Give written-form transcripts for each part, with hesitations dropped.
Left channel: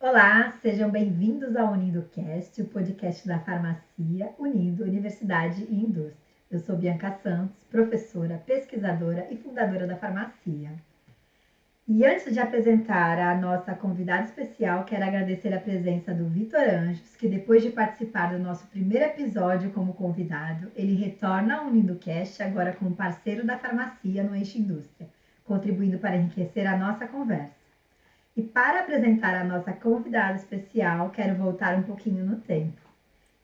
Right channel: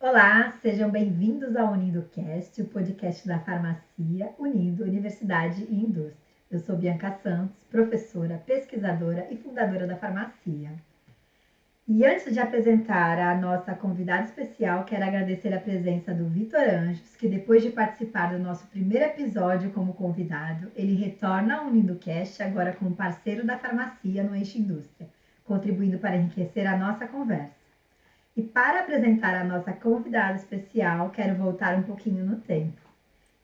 Olá, sejam bem-vindos ao UnindoCast, o podcast da farmácia unindo universidade e indústria. Eu sou Bianca Santos, professora, pesquisadora e fundadora da farmácia. E antes de apresentar a nossa convidada especial, quero agradecer a presença do Vitor Anjos, que depois de participar do nosso primeiro episódio como convidado, ele retorna ao UnindoCast agora como parceiro da farmácia no Eixo Indústria, contribuindo para enriquecer a nossa conversa. E para apresentar a nossa convidada especial, quero voltar um pouquinho no tempo.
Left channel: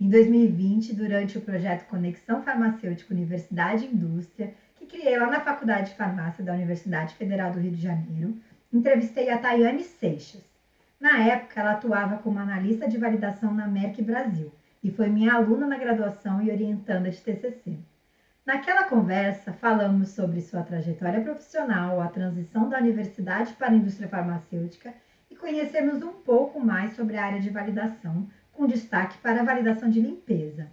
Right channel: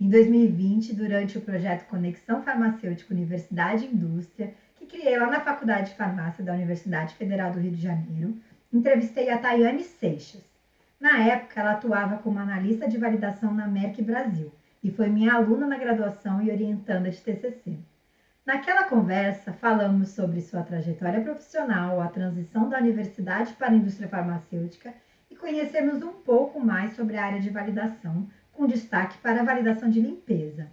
Em 2020, durante o projeto Conexão Farmacêutica Universidade e Indústria, que criei lá na Faculdade de Farmácia da Universidade Federal do Rio de Janeiro, entrevistei a Tayane Seixas. Na época, ela atuava como analista de validação na Merck Brasil e foi minha aluna na graduação e orientanda de TCC. Naquela conversa, falamos sobre sua trajetória profissional, a transição da universidade para a indústria farmacêutica e conhecemos um pouco mais sobre a área de validação, com destaque para a validação de limpeza.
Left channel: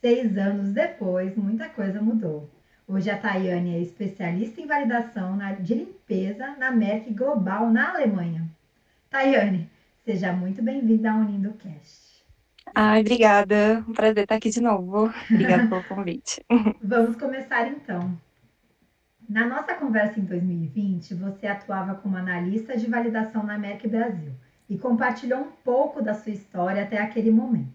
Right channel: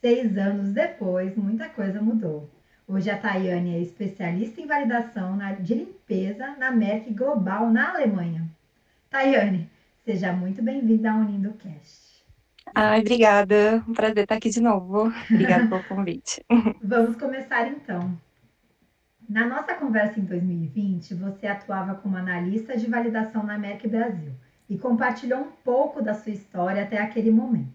6 anos depois, muita coisa mudou. Hoje a Tayane é especialista em validação de limpeza na Merck Global, na Alemanha. Tayane, seja muito bem-vinda ao UnindoCast. Ai, obrigada. Um prazer estar aqui de novo. Obrigada pelo convite. Vamos começar então. Na nossa conversa em 2020, você atuava como analista de validação na Merck Brasil e compartilhou um pouco da sua história até aquele momento.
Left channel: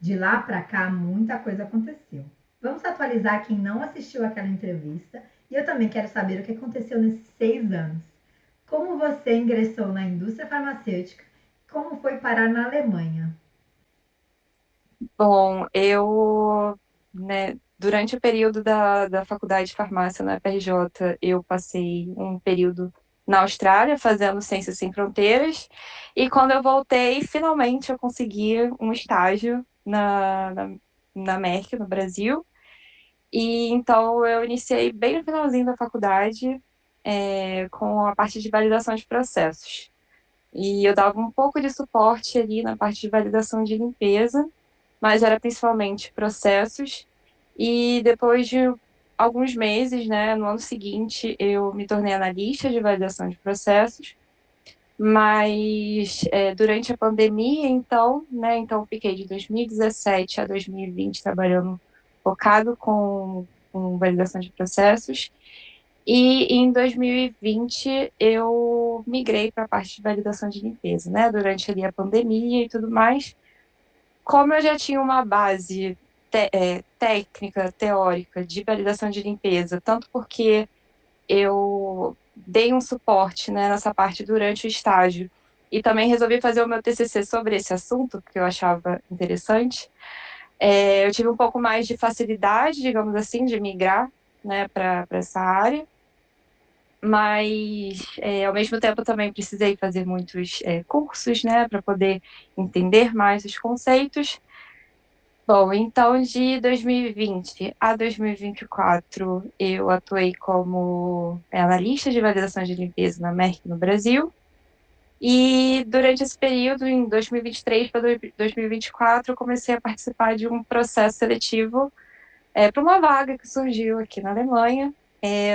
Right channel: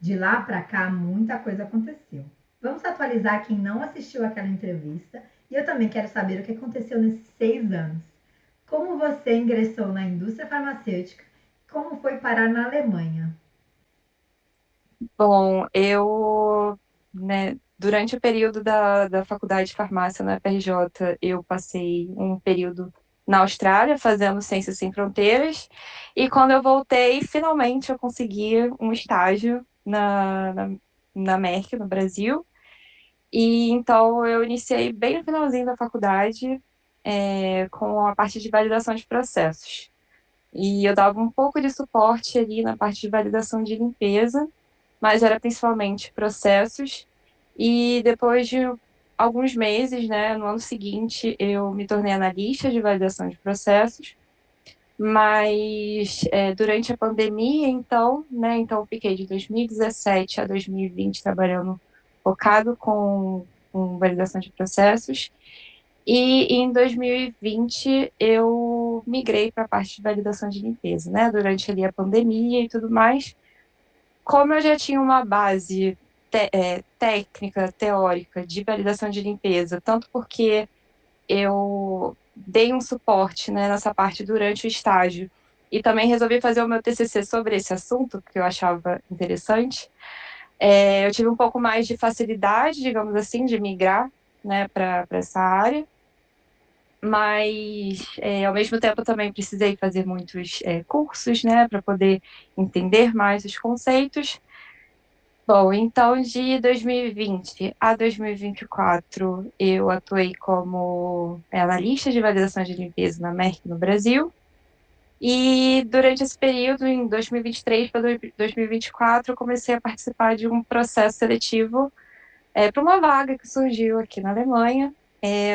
De lá para cá, muita coisa aconteceu. Vamos atualizar quem não assistiu aquela entrevista e eu também quero saber o que aconteceu nesses 6 anos. Como você ingressou na indústria farmacêutica? Como foi parar na Alemanha? Bom, durante o período da faculdade de farmácia na FRJ, eu passei um período na Austrália fazendo Ciências Sem Fronteiras, e quando eu voltei, finalmente eu consegui um estágio na Merck, no Brasil, e então eu iniciei bem no finalzinho da faculdade, com a parte de validação de processos. E eu dava um pouco de suporte ali na parte de validação de limpeza, mas era principalmente processos. E depois de alguns meses, né, no ano seguinte, eu me tornei analista de validação de processos. Mas durante a pandemia, então, né, então eu fiquei de 2017 a 2020 trabalhando focado com validação de processos. E em 2020 eu migrei para a parte de validação de limpeza, né? Durante ali a pandemia e tudo mais. Como eu já tinha uma base técnica, teórica de validação de limpeza, tanto porque eu dei um suporte, né, nessa parte durante o estágio e também resolvi fazer o meu TCC sobre esse assunto, que eu achava interessante. Eu tive um pouco mais de facilidade, digamos assim, de migrar, né, para essa área. Mas, ao mesmo tempo, também precisei fazer muitos cursos, né, para poder entender mais os conceitos. Bom, então, de 2020 a 2024, eu atuei como analista de validação de limpeza na Merck no Brasil. E durante esse período, em 2023 para 2024, eu comecei a participar de um processo seletivo para uma vaga que surgiu aqui na Alemanha.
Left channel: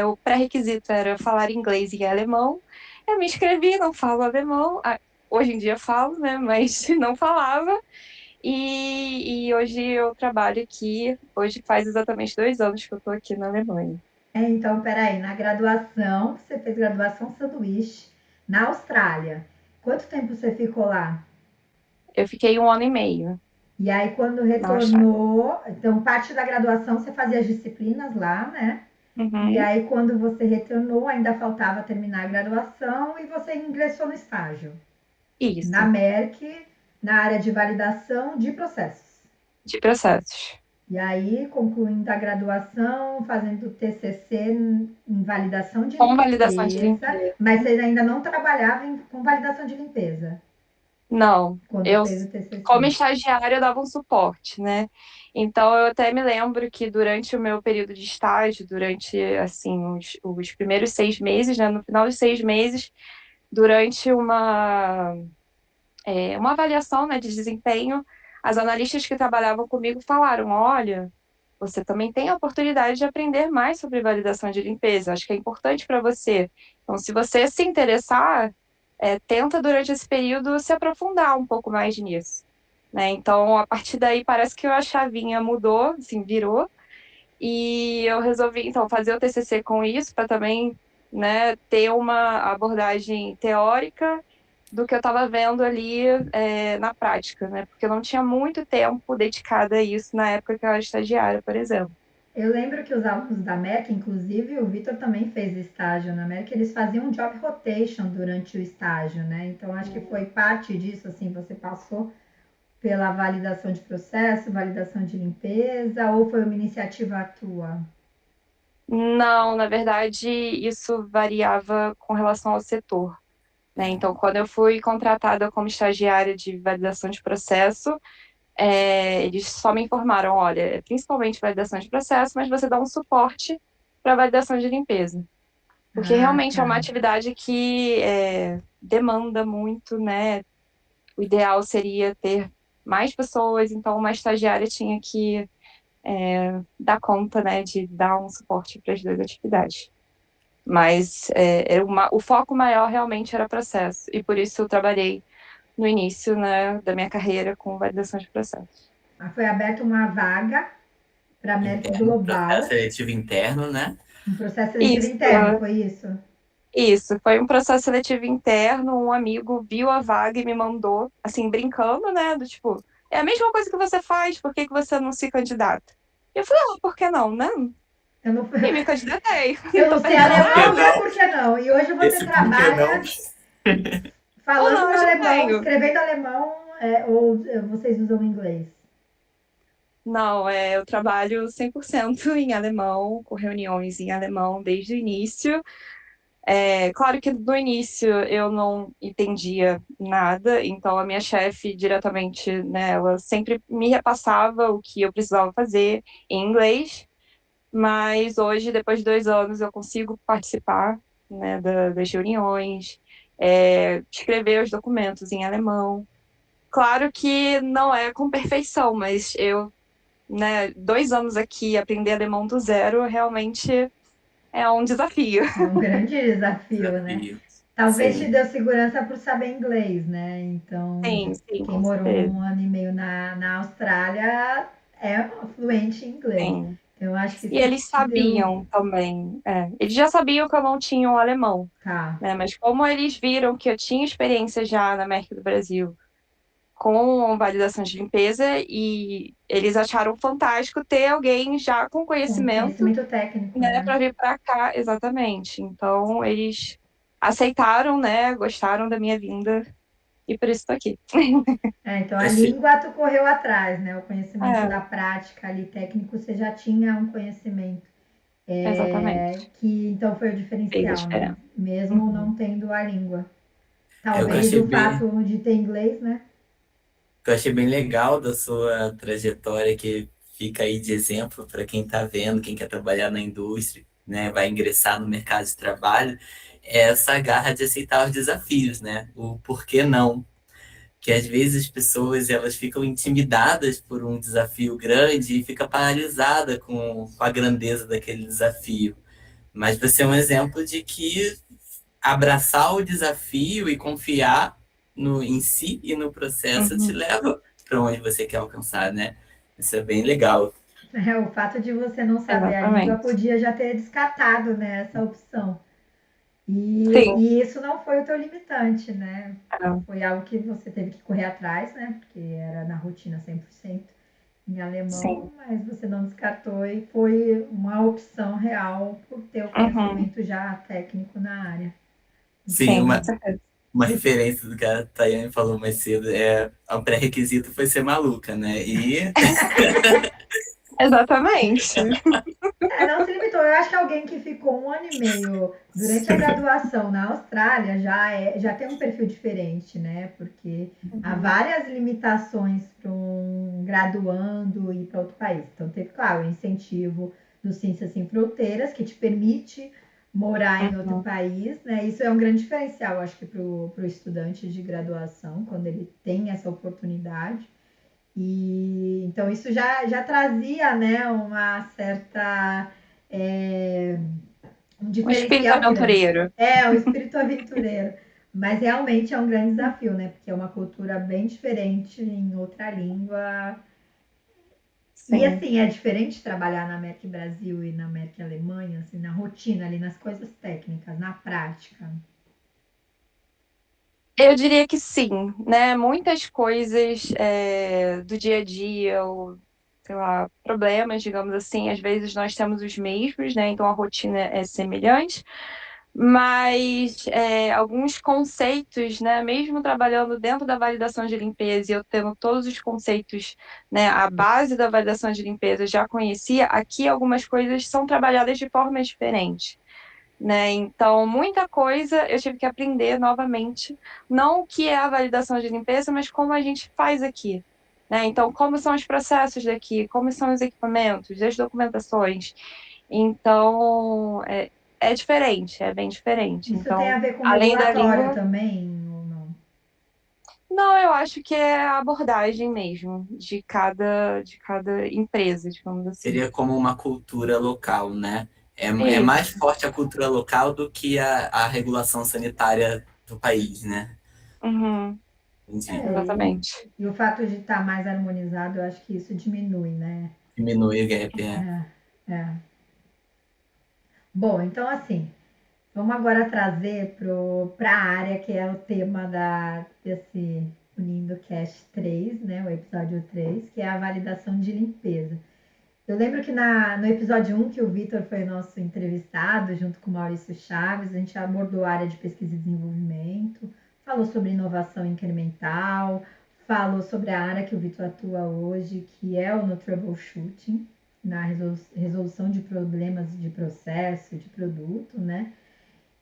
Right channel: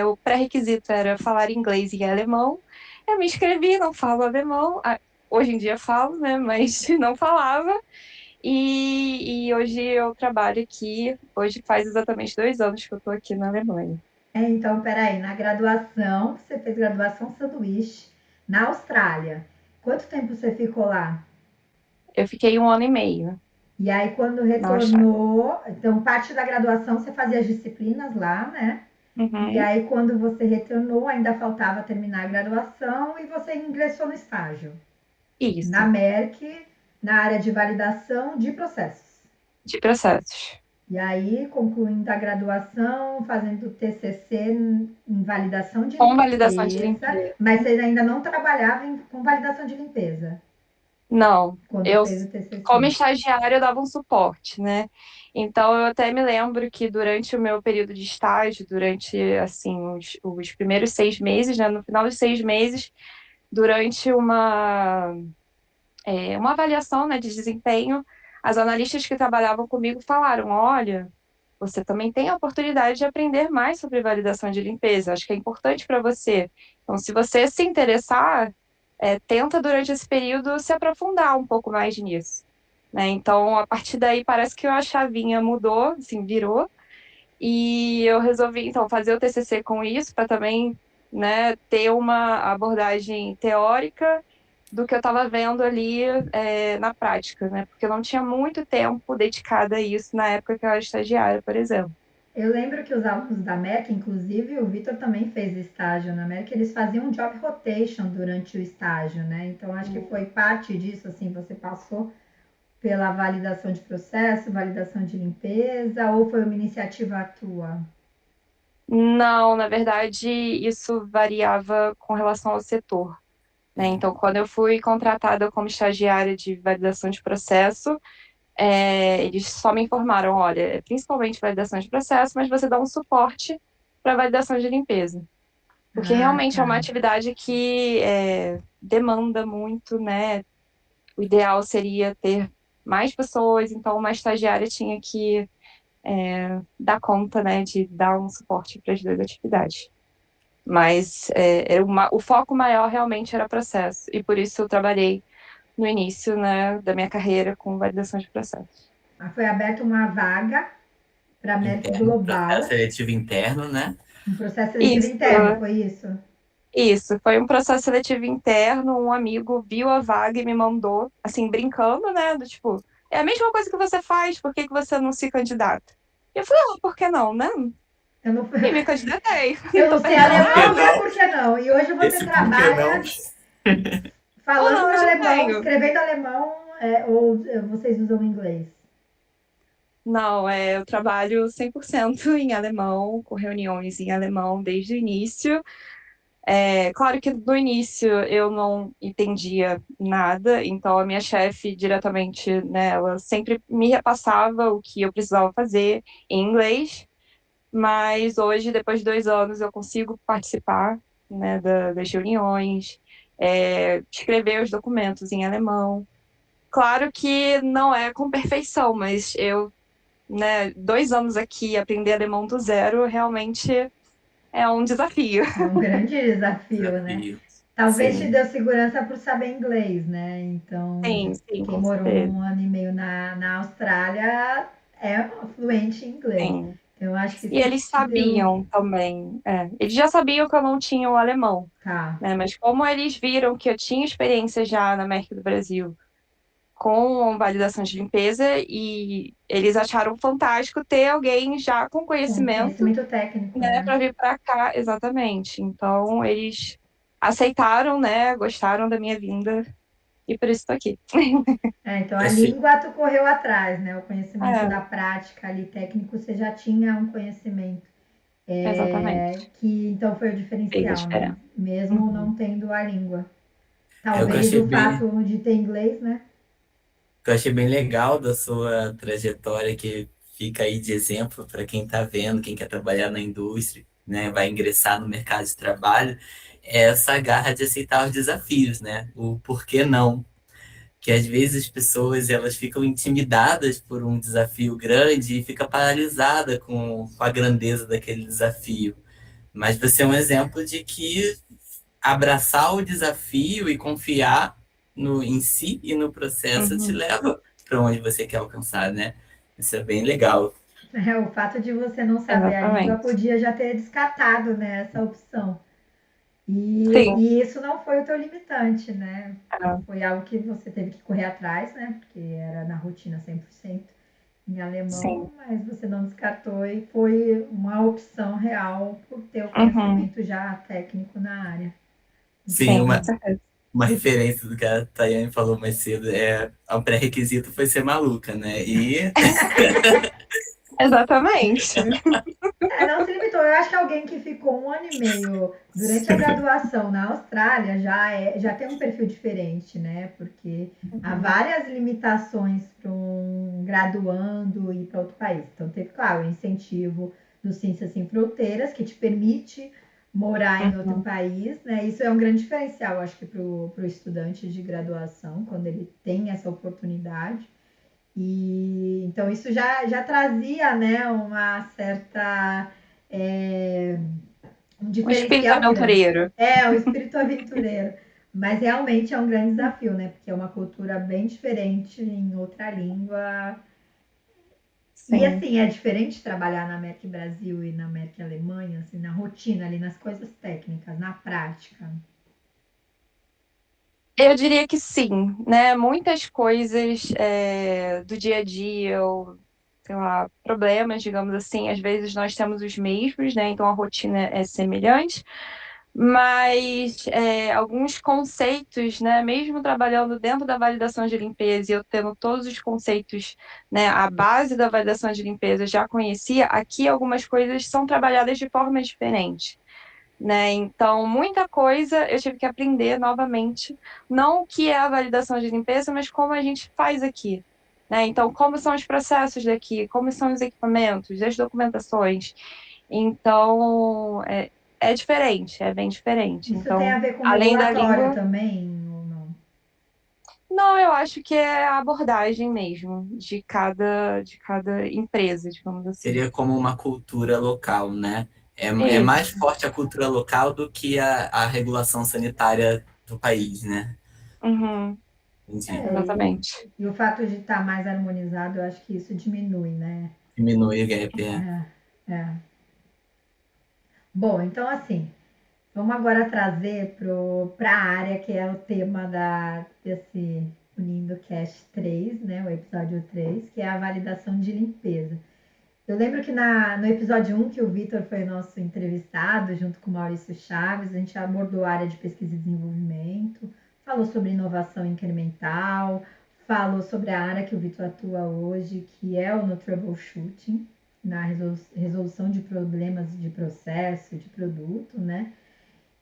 O pré-requisito era falar inglês e alemão. Eu me inscrevi, não falo alemão. Hoje em dia falo, né? Mas não falava. E hoje eu trabalho aqui. Hoje faz exatamente 2 anos que eu estou aqui na Alemanha. Então, peraí, na graduação, você fez graduação sanduíche na Austrália. Quanto tempo você ficou lá? Eu fiquei 1 ano e meio E aí, quando na Austrália. retornou, então parte da graduação você fazia as disciplinas lá, né? E Uhum. aí, quando você retornou, ainda faltava terminar a graduação e você ingressou no estágio na Isso, Merck, na área de validação de processos. de processos. E aí, concluindo a graduação, fazendo TCC em validação de Com validação de limpeza, limpeza. mas você ainda não trabalhava com validação de limpeza Não, quando fez o como TCC. estagiária, eu dava um suporte, né? Então, eu até me lembro que durante o meu período de estágio, durante, assim, os primeiros 6 meses, né? No final dos 6 meses, durante uma avaliação, né, de desempenho, as analistas que trabalhavam comigo falaram: olha, você também tem a oportunidade de aprender mais sobre validação de limpeza. Acho que é importante para você. Então, se você se interessar, tenta durante esse período se aprofundar um pouco mais nisso, né? Então, a partir daí parece que a chavinha mudou, assim, virou, e eu resolvi então fazer o TCC com isso para também, né, ter uma abordagem teórica do que eu estava vendo ali na prática, né? Porque eu não tinha muito tempo dedicado a isso na época que eu era estagiária, por exemplo. Eu lembro que os alunos da Merck, inclusive o Vitor também fez estágio na Merck, eles faziam um job rotation durante o estágio, né? Então acho que foi parte disso, assim, você passou pela validação de processo, validação de limpeza, ou foi uma iniciativa tua? Não, na verdade, isso variava com relação ao setor, né? Então, quando eu fui contratada como estagiária de validação de processo, eles só me informaram, olha, principalmente validação de processo, mas você dá um suporte para validação de limpeza. Porque Ah, realmente é uma tá. atividade que demanda muito, né? O ideal seria ter mais pessoas, então uma estagiária tinha que dar conta, né, de dar um suporte para as duas atividades. Mas o foco maior realmente era processo, e por isso eu trabalhei no início, né, da minha carreira com validação de processo. Foi aberta uma vaga para a Merck Interno, processo Global, seletivo interno, né? um processo seletivo Isso, interno, foi isso? isso, foi um processo seletivo interno, um amigo viu a vaga e me mandou, assim, brincando, né, do tipo, é a mesma coisa que você faz, por que que você não se candidata? E eu falei, por que não, né? Eu não, E me candidatei, eu não tô não sei perdendo Por que alemão, nada. né? não? Por que não? E hoje você Esse por que não? trabalha Ou falando não, eu já alemão, tenho. escrevendo alemão, ou vocês usam inglês? Não, eu trabalho 100% em alemão, com reuniões em alemão desde o início. Claro que no início eu não entendia nada, então a minha chefe diretamente, né, ela sempre me repassava o que eu precisava fazer em inglês, mas hoje, depois de 2 anos, eu consigo participar, né, das reuniões, escrever os documentos em alemão. Claro que não é com perfeição, mas eu, né, 2 anos aqui, aprender alemão do zero, realmente é um desafio. É um grande desafio, né? Desafio. Talvez te Sim. deu segurança por saber inglês, né? Então, Sim, sim, quem com morou certeza. 1 ano e meio na Austrália é fluente em inglês. Sim. Então, eu acho que E isso eles te deu. sabiam também. Eles já sabiam que eu não tinha o alemão, Tá. né? Mas como eles viram que eu tinha experiência já na Merck do Brasil com validação de limpeza, e eles acharam fantástico ter alguém já com Com conhecimento, conhecimento técnico, né, né? para vir para cá, exatamente. Então eles aceitaram, né? Gostaram da minha vinda e por isso estou aqui. Então a Esse, língua tu correu atrás, né? O conhecimento da É, prática ali técnico, você já tinha um conhecimento. exatamente. Que então foi o Fez a diferencial, né? diferença. Mesmo Uhum. não tendo a língua. o que eu Talvez achei o bem, fato de ter inglês, né? que eu achei bem legal da sua trajetória, que fica aí de exemplo para quem está vendo, quem quer trabalhar na indústria, né, vai ingressar no mercado de trabalho, é essa garra de aceitar os desafios, né? O porquê não. Que às vezes as pessoas elas ficam intimidadas por um desafio grande e fica paralisada com a grandeza daquele desafio. Mas você é um exemplo de que abraçar o desafio e confiar no em si e no processo te Uhum. leva para onde você quer alcançar, né? Isso é bem legal. O fato de você não saber a língua Exatamente. podia já ter descartado, né, essa opção. E, Sim. e isso não foi o teu limitante, né? É, Foi algo que você teve que correr atrás, né? Porque era na rotina 100% em alemão, sim. mas você não descartou e foi uma opção real por ter o Uhum. conhecimento já técnico na área. Muito Sim, Sim, com bom. certeza. uma referência do que a Tayane falou mais cedo é o pré-requisito foi ser maluca, né? E Exatamente. Não se limitou. Eu acho que alguém que ficou 1 ano e meio durante a graduação na Austrália já tem um perfil diferente, né? Porque há Uhum. várias limitações para um graduando ir para outro país. Então, teve, claro, o incentivo do Ciências Sem Fronteiras, que te permite morar em outro Uhum. país, né? Isso é um grande diferencial, acho que, para o estudante de graduação, quando ele tem essa oportunidade. E então isso já trazia, né, uma certa um O espírito diferencial grande. aventureiro. O espírito aventureiro, Mas realmente é um grande desafio, né? Porque é uma cultura bem diferente em outra língua. E Sim. assim, é diferente trabalhar na Merck Brasil e na Merck Alemanha, assim, na rotina ali, nas coisas técnicas, na prática. Eu diria que sim, né? Muitas coisas do dia a dia, ou sei lá, problemas, digamos assim, às vezes nós temos os mesmos, né? Então a rotina é semelhante, mas alguns conceitos, né? Mesmo trabalhando dentro da validação de limpeza e eu tendo todos os conceitos, né? A base da validação de limpeza eu já conhecia, aqui algumas coisas são trabalhadas de forma diferente. Né? Então, muita coisa eu tive que aprender novamente, não o que é a validação de limpeza, mas como a gente faz aqui. Né? Então, como são os processos daqui, como são os equipamentos, as documentações. Então, é diferente, é bem diferente. Isso tem Então, a ver com além da regulatório língua, também, ou não? não, eu acho que é a abordagem mesmo de cada empresa, digamos assim. Seria como uma cultura local, né? É mais Isso. forte a cultura local do que a regulação sanitária do país, né? Uhum, Entendi. É, exatamente. e o fato de estar mais harmonizado, eu acho que isso diminui, né? Diminuir o gap. É. Bom, então assim, vamos agora trazer para a área que é o tema desse Unindo Cast 3, né? O episódio 3, que é a validação de limpeza. Eu lembro que no episódio 1, que o Vitor foi nosso entrevistado, junto com o Maurício Chaves, a gente abordou a área de pesquisa e desenvolvimento, falou sobre inovação incremental, falou sobre a área que o Vitor atua hoje, que é o no troubleshooting, na resolução de problemas de processo, de produto, né?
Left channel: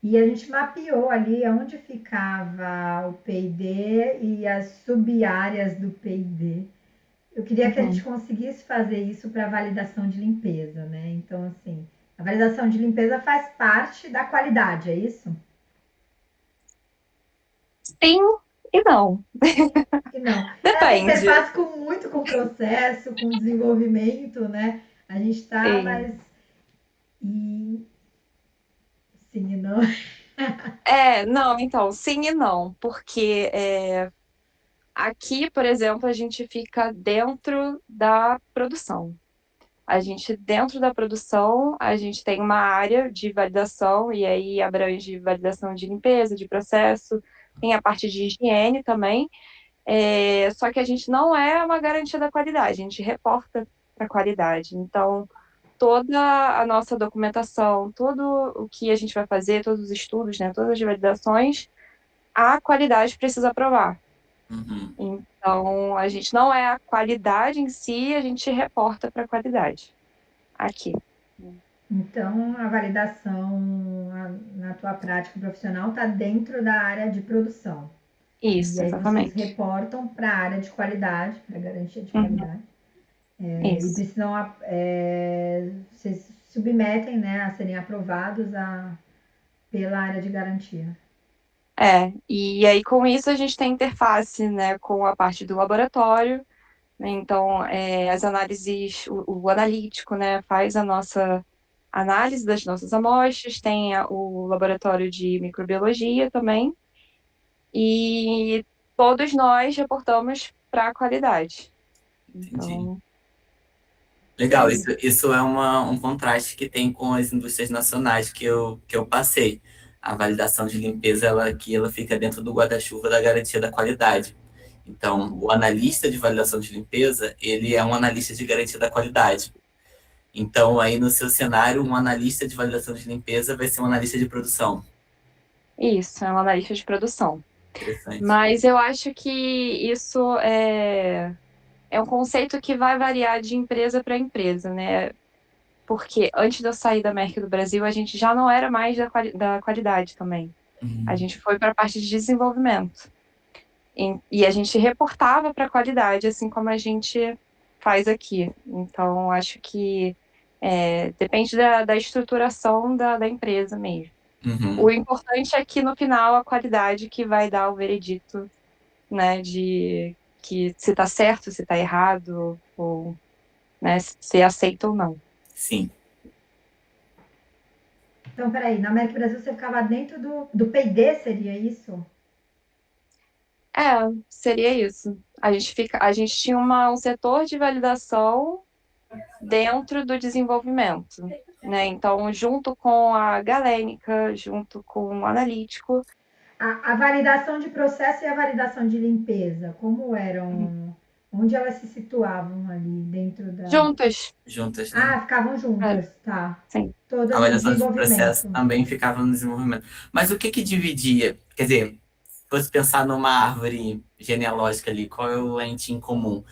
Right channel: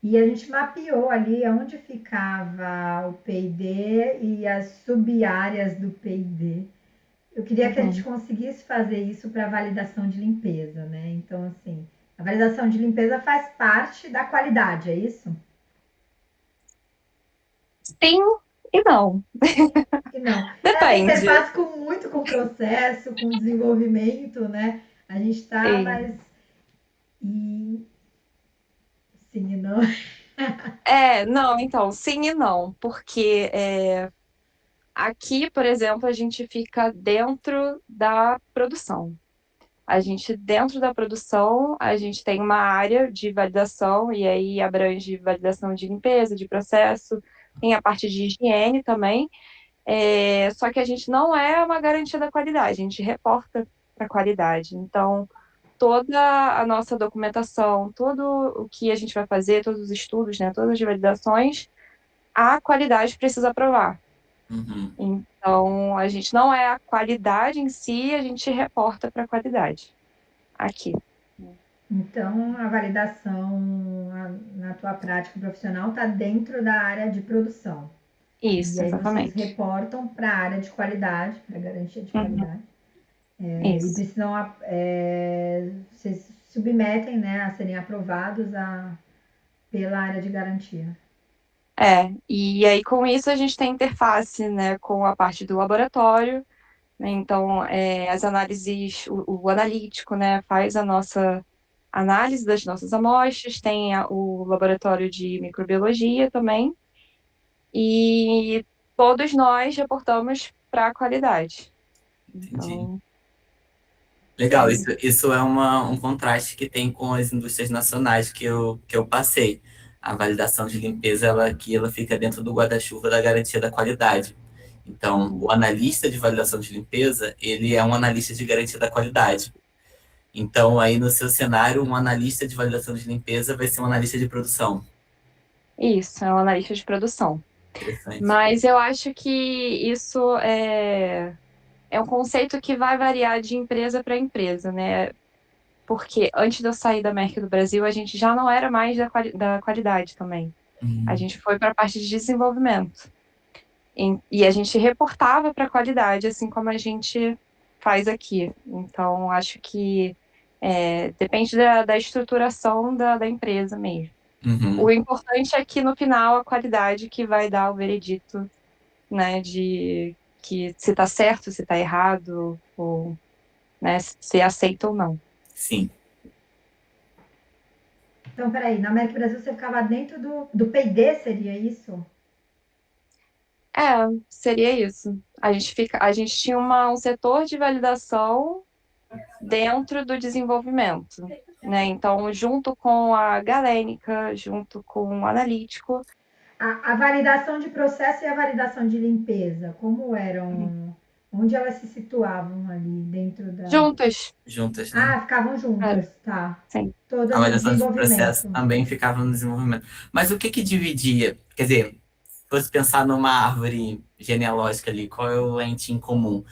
E a gente mapeou ali onde ficava o P&D e as sub-áreas do P&D. Eu queria que a gente Uhum. conseguisse fazer isso para validação de limpeza, né? Então, assim, a validação de limpeza faz parte da qualidade, é isso? Sim e não. E não. Ela tem Depende. interface muito com o processo, com o desenvolvimento, né? A gente está Sim. mais. E sim e não. Não, então, sim e não, porque aqui, por exemplo, a gente fica dentro da produção. Dentro da produção, a gente tem uma área de validação, e aí abrange validação de limpeza, de processo, tem a parte de higiene também, só que a gente não é uma garantia da qualidade, a gente reporta para a qualidade. Então, toda a nossa documentação, tudo o que a gente vai fazer, todos os estudos, né, todas as validações, a qualidade precisa aprovar. Uhum. Então, a gente não é a qualidade em si, a gente reporta para a qualidade aqui. Então, a validação na tua prática profissional está dentro da área de produção. E Isso, aí vocês exatamente. reportam para a área de qualidade, para a garantia de Uhum, qualidade. E isso. precisam, vocês submetem, né, a serem aprovados pela área de garantia. E aí com isso a gente tem interface, né, com a parte do laboratório, né, então as análises, o analítico, né, faz a nossa análise das nossas amostras, tem o laboratório de microbiologia também, e todos nós reportamos para a qualidade. Entendi. Então, E Legal, aí? isso é um contraste que tem com as indústrias nacionais que eu passei. A validação de limpeza, ela fica dentro do guarda-chuva da garantia da qualidade. Então, o analista de validação de limpeza, ele é um analista de garantia da qualidade. Então, aí no seu cenário, um analista de validação de limpeza vai ser um analista de produção. isso, é um analista de produção. Interessante. Mas eu acho que isso é um conceito que vai variar de empresa para empresa, né? Porque antes de eu sair da Merck do Brasil, a gente já não era mais da qualidade também. A Uhum. gente foi para a parte de desenvolvimento. E a gente reportava para a qualidade, assim como a gente faz aqui. Então, acho que depende da estruturação da empresa mesmo. O Uhum. importante é que no final a qualidade que vai dar o veredito, né, de que se está certo, se está errado, ou né, se aceita ou não. Sim. Então, peraí, na América Brasil você ficava dentro do P&D, seria isso? É, seria isso. A gente tinha um setor de validação dentro do desenvolvimento, né? Então, junto com a galênica, junto com o analítico. A validação de processo e a validação de limpeza, como eram? Onde elas se situavam ali dentro da. Juntas. Juntas, né? Ah, ficavam É, juntas, tá. sim. A Todas no avaliação de processo desenvolvimento. também ficava no desenvolvimento. Mas o que que dividia? Quer dizer, se fosse pensar numa árvore genealógica ali, qual é o ente em comum?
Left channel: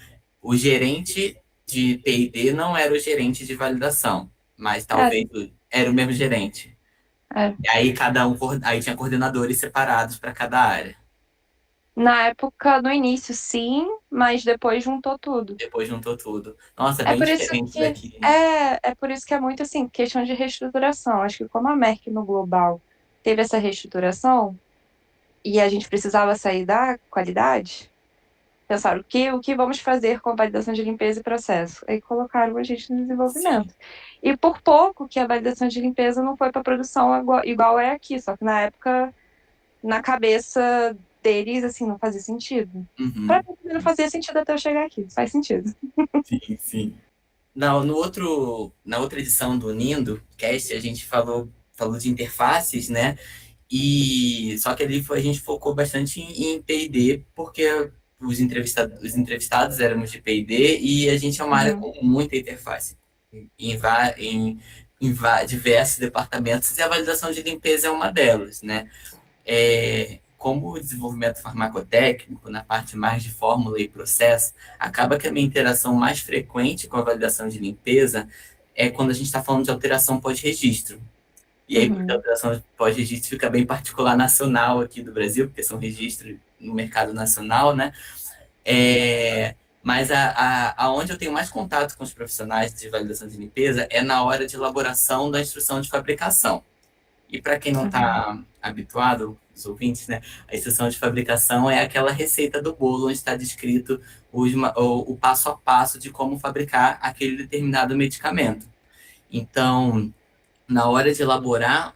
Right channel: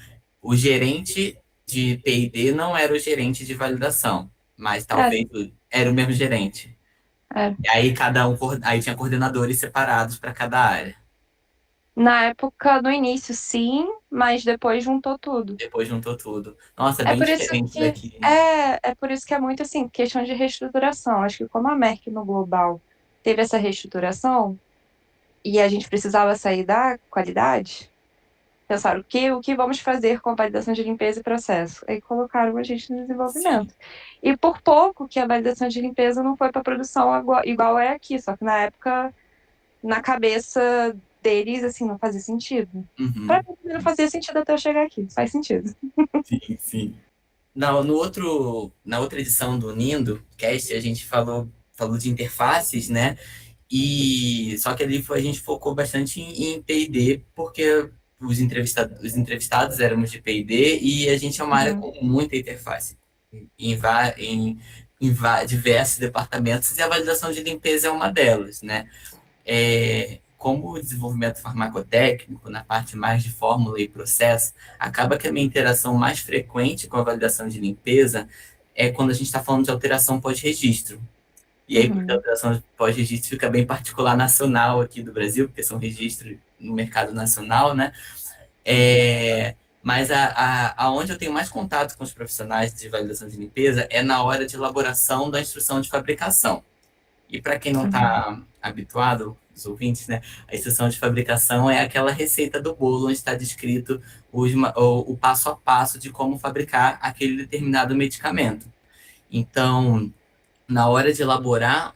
O gerente de P&D não era o gerente de validação, mas Era, talvez era o mesmo gerente. era. E aí cada um, aí tinha coordenadores separados para cada área. Na época, no início, sim, mas depois juntou tudo. Depois juntou tudo. Nossa, é É bem por isso diferente que daqui. é por isso que é muito assim, questão de reestruturação. Acho que como a Merck no global teve essa reestruturação e a gente precisava sair da qualidade, pensaram o que vamos fazer com a validação de limpeza e processo? Aí colocaram a gente no Sim. desenvolvimento. E por pouco que a validação de limpeza não foi para produção igual é aqui, só que na época, na cabeça deles, assim, não fazia sentido. Para Uhum. mim não fazia sentido até eu chegar aqui, faz sentido. Sim, sim. Na outra edição do Nindo Cast, a gente falou de interfaces, né? E só que ali a gente focou bastante em P&D, porque os entrevistados éramos de P&D e a gente é uma área Uhum, com muita interface em diversos departamentos e a validação de limpeza é uma delas, né? Como o desenvolvimento farmacotécnico, na parte mais de fórmula e processo, acaba que a minha interação mais frequente com a validação de limpeza é quando a gente está falando de alteração pós-registro. E aí, porque a uhum, alteração pós-registro fica bem particular nacional aqui do Brasil, porque são registros no mercado nacional, né? Mas aonde eu tenho mais contato com os profissionais de validação de limpeza é na hora de elaboração da instrução de fabricação. E para quem não uhum. está habituado, os ouvintes, né? A instrução de fabricação é aquela receita do bolo onde está descrito o passo a passo de como fabricar aquele determinado medicamento. Então, na hora de elaborar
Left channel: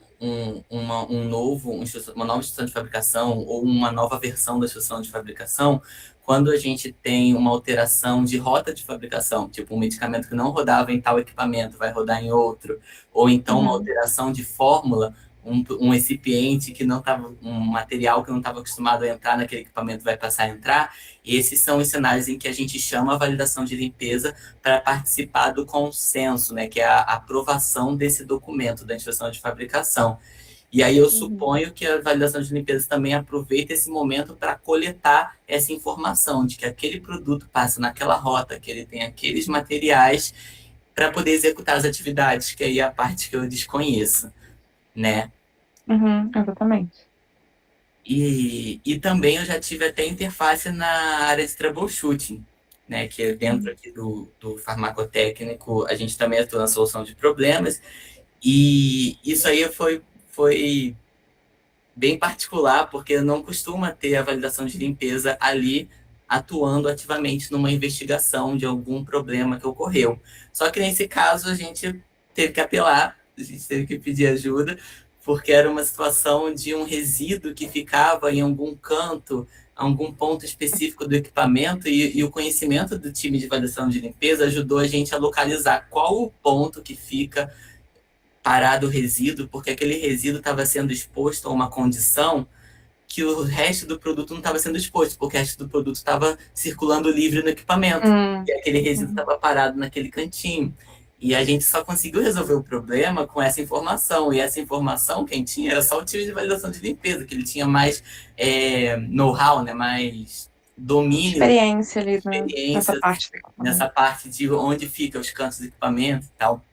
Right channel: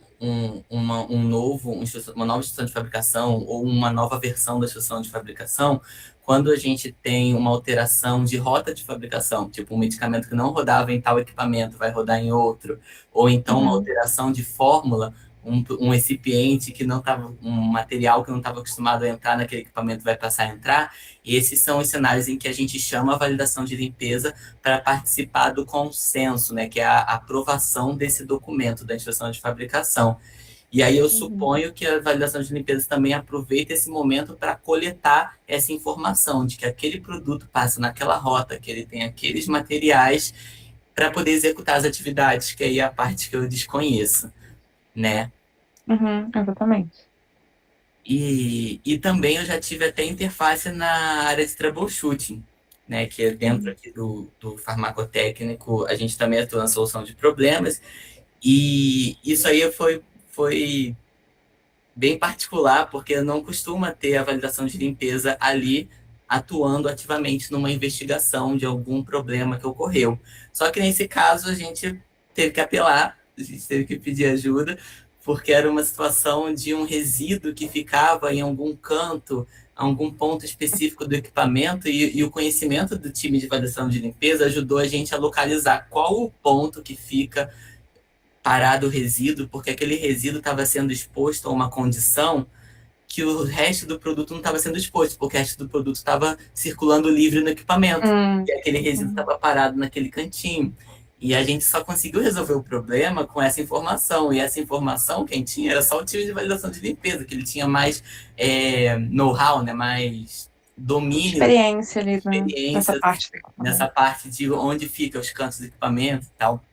uma nova instrução de fabricação ou uma nova versão da instrução de fabricação, quando a gente tem uma alteração de rota de fabricação, tipo um medicamento que não rodava em tal equipamento vai rodar em outro, ou então uma Uhum, alteração de fórmula, um recipiente que não estava, um material que não estava acostumado a entrar naquele equipamento vai passar a entrar, e esses são os sinais em que a gente chama a validação de limpeza para participar do consenso, né, que é a aprovação desse documento da instrução de fabricação. E aí eu uhum, suponho que a validação de limpeza também aproveita esse momento para coletar essa informação de que aquele produto passa naquela rota, que ele tem aqueles materiais para poder executar as atividades, que aí é a parte que eu desconheço, né? exatamente. E também eu já tive até interface na área de troubleshooting, né? Que é dentro Uhum, aqui do farmacotécnico, a gente também atua na solução de problemas. E isso aí foi bem particular, porque não costuma ter a validação de limpeza ali atuando ativamente numa investigação de algum problema que ocorreu. Só que nesse caso a gente teve que apelar, a gente teve que pedir ajuda, porque era uma situação de um resíduo que ficava em algum canto, algum ponto específico do equipamento, e o conhecimento do time de validação de limpeza ajudou a gente a localizar qual o ponto que fica parado o resíduo, porque aquele resíduo estava sendo exposto a uma condição que o resto do produto não estava sendo exposto, porque o resto do produto estava circulando livre no equipamento. E aquele resíduo uhum. estava parado naquele cantinho. E a gente só conseguiu resolver o problema com essa informação. E essa informação, quem tinha, era só o time de validação de limpeza, que ele tinha mais know-how, né? Mais domínio, Experiência ali nessa experiência parte do nessa equipamento. parte de onde ficam os cantos do equipamento e tal.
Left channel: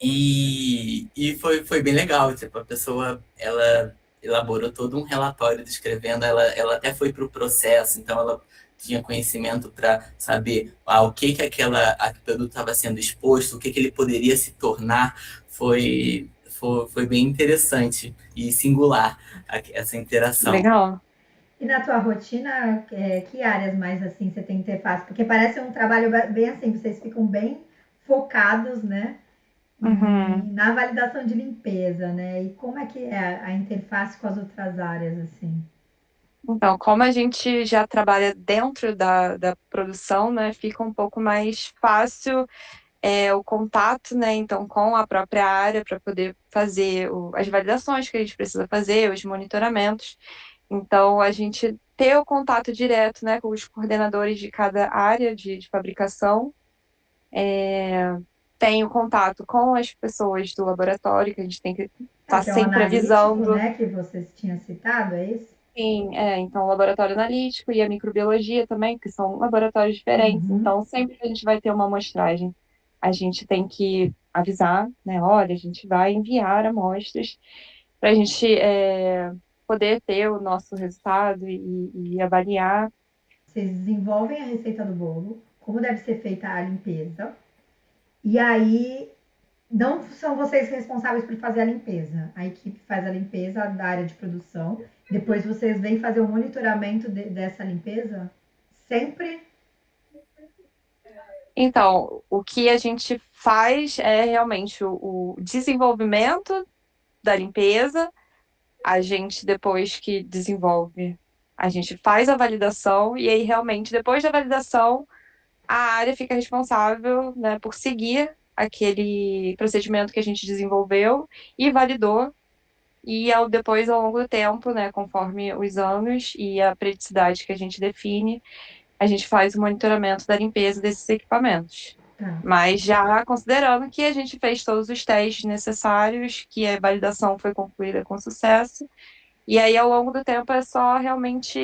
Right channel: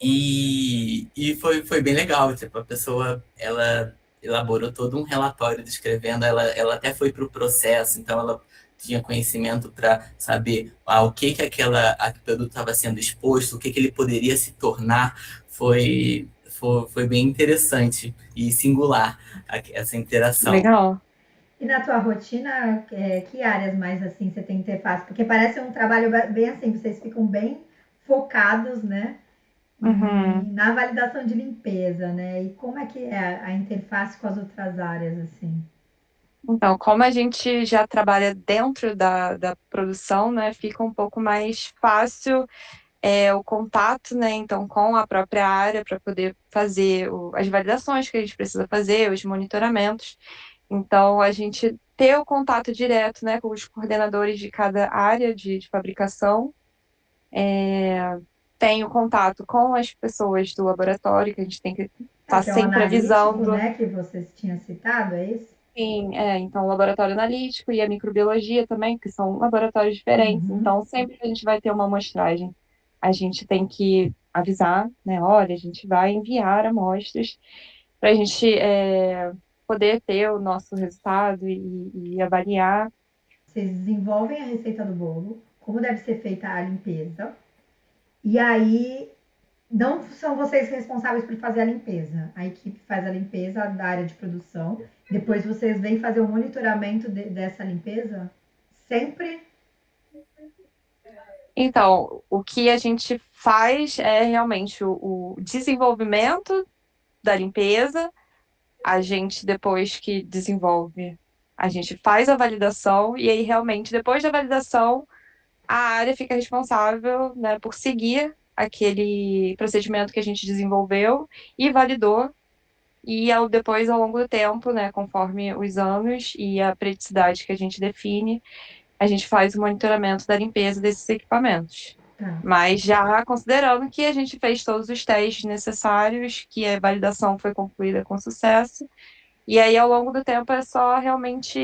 E foi bem legal, tipo, a pessoa, ela elaborou todo um relatório descrevendo, ela até foi para o processo, então ela tinha conhecimento para saber o que aquele produto estava sendo exposto, o que ele poderia se tornar, foi bem interessante e singular essa interação. Legal. E na tua rotina, que áreas mais assim você tem interface? Porque parece um trabalho bem assim, vocês ficam bem focados, né? Uhum. Na validação de limpeza, né? E como é que é a interface com as outras áreas, assim? Então, como a gente já trabalha dentro da produção, né, fica um pouco mais fácil o contato, né, então, com a própria área para poder fazer as validações que a gente precisa fazer, os monitoramentos. Então, a gente ter o contato direto, né, com os coordenadores de cada área de fabricação, tem o contato com as pessoas do laboratório, que a gente tem que estar Que é o sempre analítico, avisando. né, que vocês tinham citado, é isso? Sim, então o laboratório analítico e a microbiologia também, que são laboratórios diferentes, Uhum. então sempre que a gente vai ter uma amostragem, a gente tem que avisar, né? Olha, a gente vai enviar amostras para a gente poder ter o nosso resultado e avaliar. Vocês desenvolvem a receita do bolo, como deve ser feita a limpeza, e aí não são vocês responsáveis por fazer a limpeza. A equipe faz a limpeza da área de produção. Depois vocês vêm fazer o monitoramento dessa limpeza? Sempre? Então, o que a gente faz é realmente o desenvolvimento da limpeza. A gente, depois que desenvolve, a gente faz a validação e aí realmente, depois da validação, a área fica responsável, né, por seguir aquele procedimento que a gente desenvolveu e validou. E depois, ao longo do tempo, né, conforme os anos e a periodicidade que a gente define, a gente faz o monitoramento da limpeza desses equipamentos. Tá. Mas já considerando que a gente fez todos os testes necessários, que a validação foi concluída com sucesso, e aí, ao longo do tempo, é só realmente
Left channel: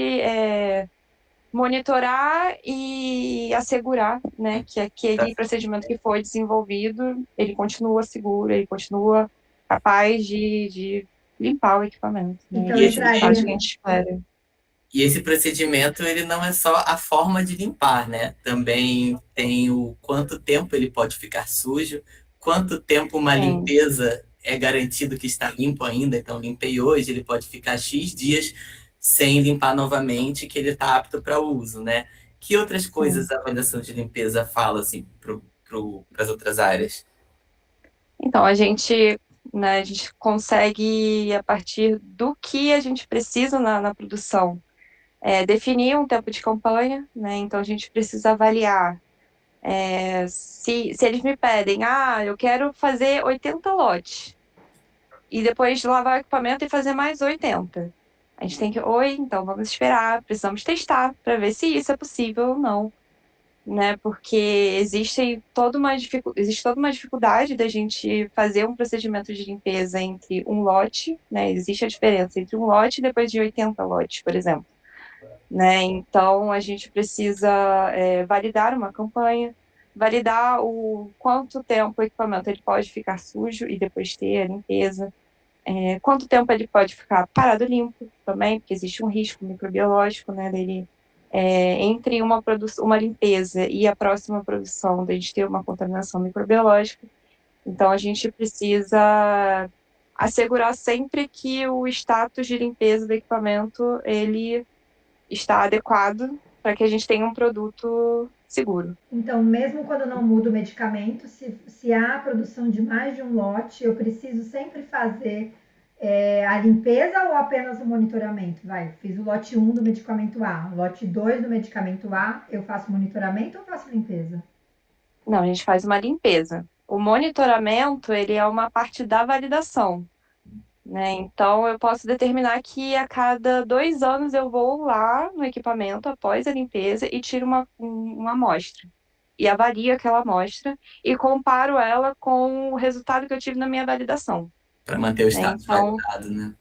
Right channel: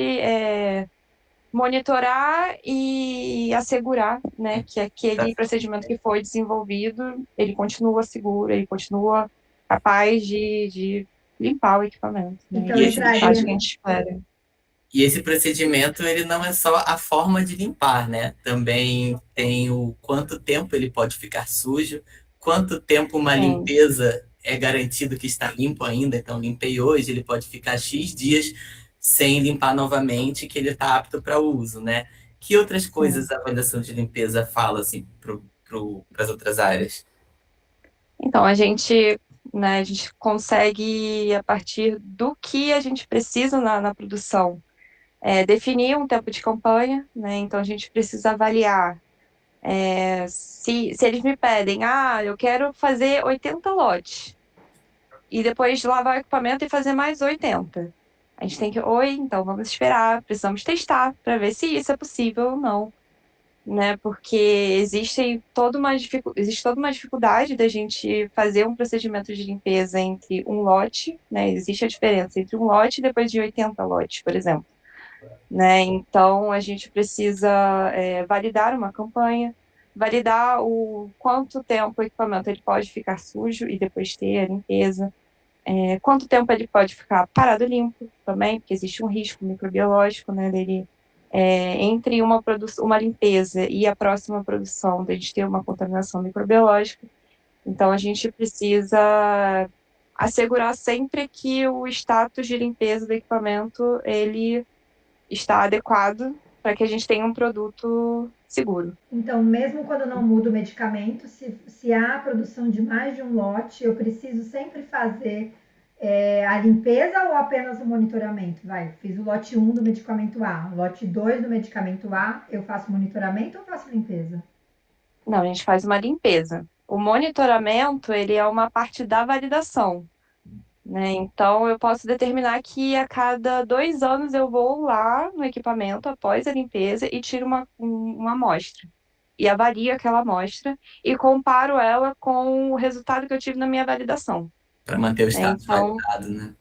monitorar e assegurar, né, que Tá. aquele procedimento que foi desenvolvido, ele continua seguro, ele continua capaz de limpar o equipamento, né, Então e E o esse, resultado que a entraria. gente espera. e esse procedimento, ele não é só a forma de limpar, né? Também tem o quanto tempo ele pode ficar sujo, quanto tempo uma Tem, limpeza é garantido que está limpo ainda. Então, limpei hoje, ele pode ficar X dias sem limpar novamente, que ele está apto para uso, né? Que outras sim. coisas a avaliação de limpeza fala, assim, para as outras áreas? Então, né, a gente consegue, a partir do que a gente precisa na produção, definir um tempo de campanha, né? Então, a gente precisa avaliar se eles me pedem, eu quero fazer 80 lotes, e depois lavar o equipamento e fazer mais 80. A gente tem que, então vamos esperar, precisamos testar para ver se isso é possível ou não, né? Porque existe toda uma dificuldade da gente fazer um procedimento de limpeza entre um lote, né? Existe a diferença entre um lote e depois de 80 lotes, por exemplo, né? Então, a gente precisa validar uma campanha, validar o quanto tempo o equipamento ele pode ficar sujo e depois ter a limpeza, quanto tempo ele pode ficar parado limpo também, porque existe um risco microbiológico, né, dele, entre uma limpeza e a próxima produção, de a gente ter uma contaminação microbiológica. Então, a gente precisa assegurar sempre que o status de limpeza do equipamento ele está adequado para que a gente tenha um produto seguro. Então, mesmo quando não muda o medicamento, se há a produção de mais de um lote, eu preciso sempre fazer a limpeza ou apenas o monitoramento? Vai, fiz o lote 1 do medicamento A, lote 2 do medicamento A, eu faço monitoramento ou faço limpeza? Não, a gente faz uma limpeza. O monitoramento, ele é uma parte da validação, né? Então, eu posso determinar que a cada 2 anos eu vou lá no equipamento após a limpeza e tiro uma amostra. E avalio aquela amostra e comparo ela com o resultado que eu tive na minha validação, Para manter o né? status Então, validado, né?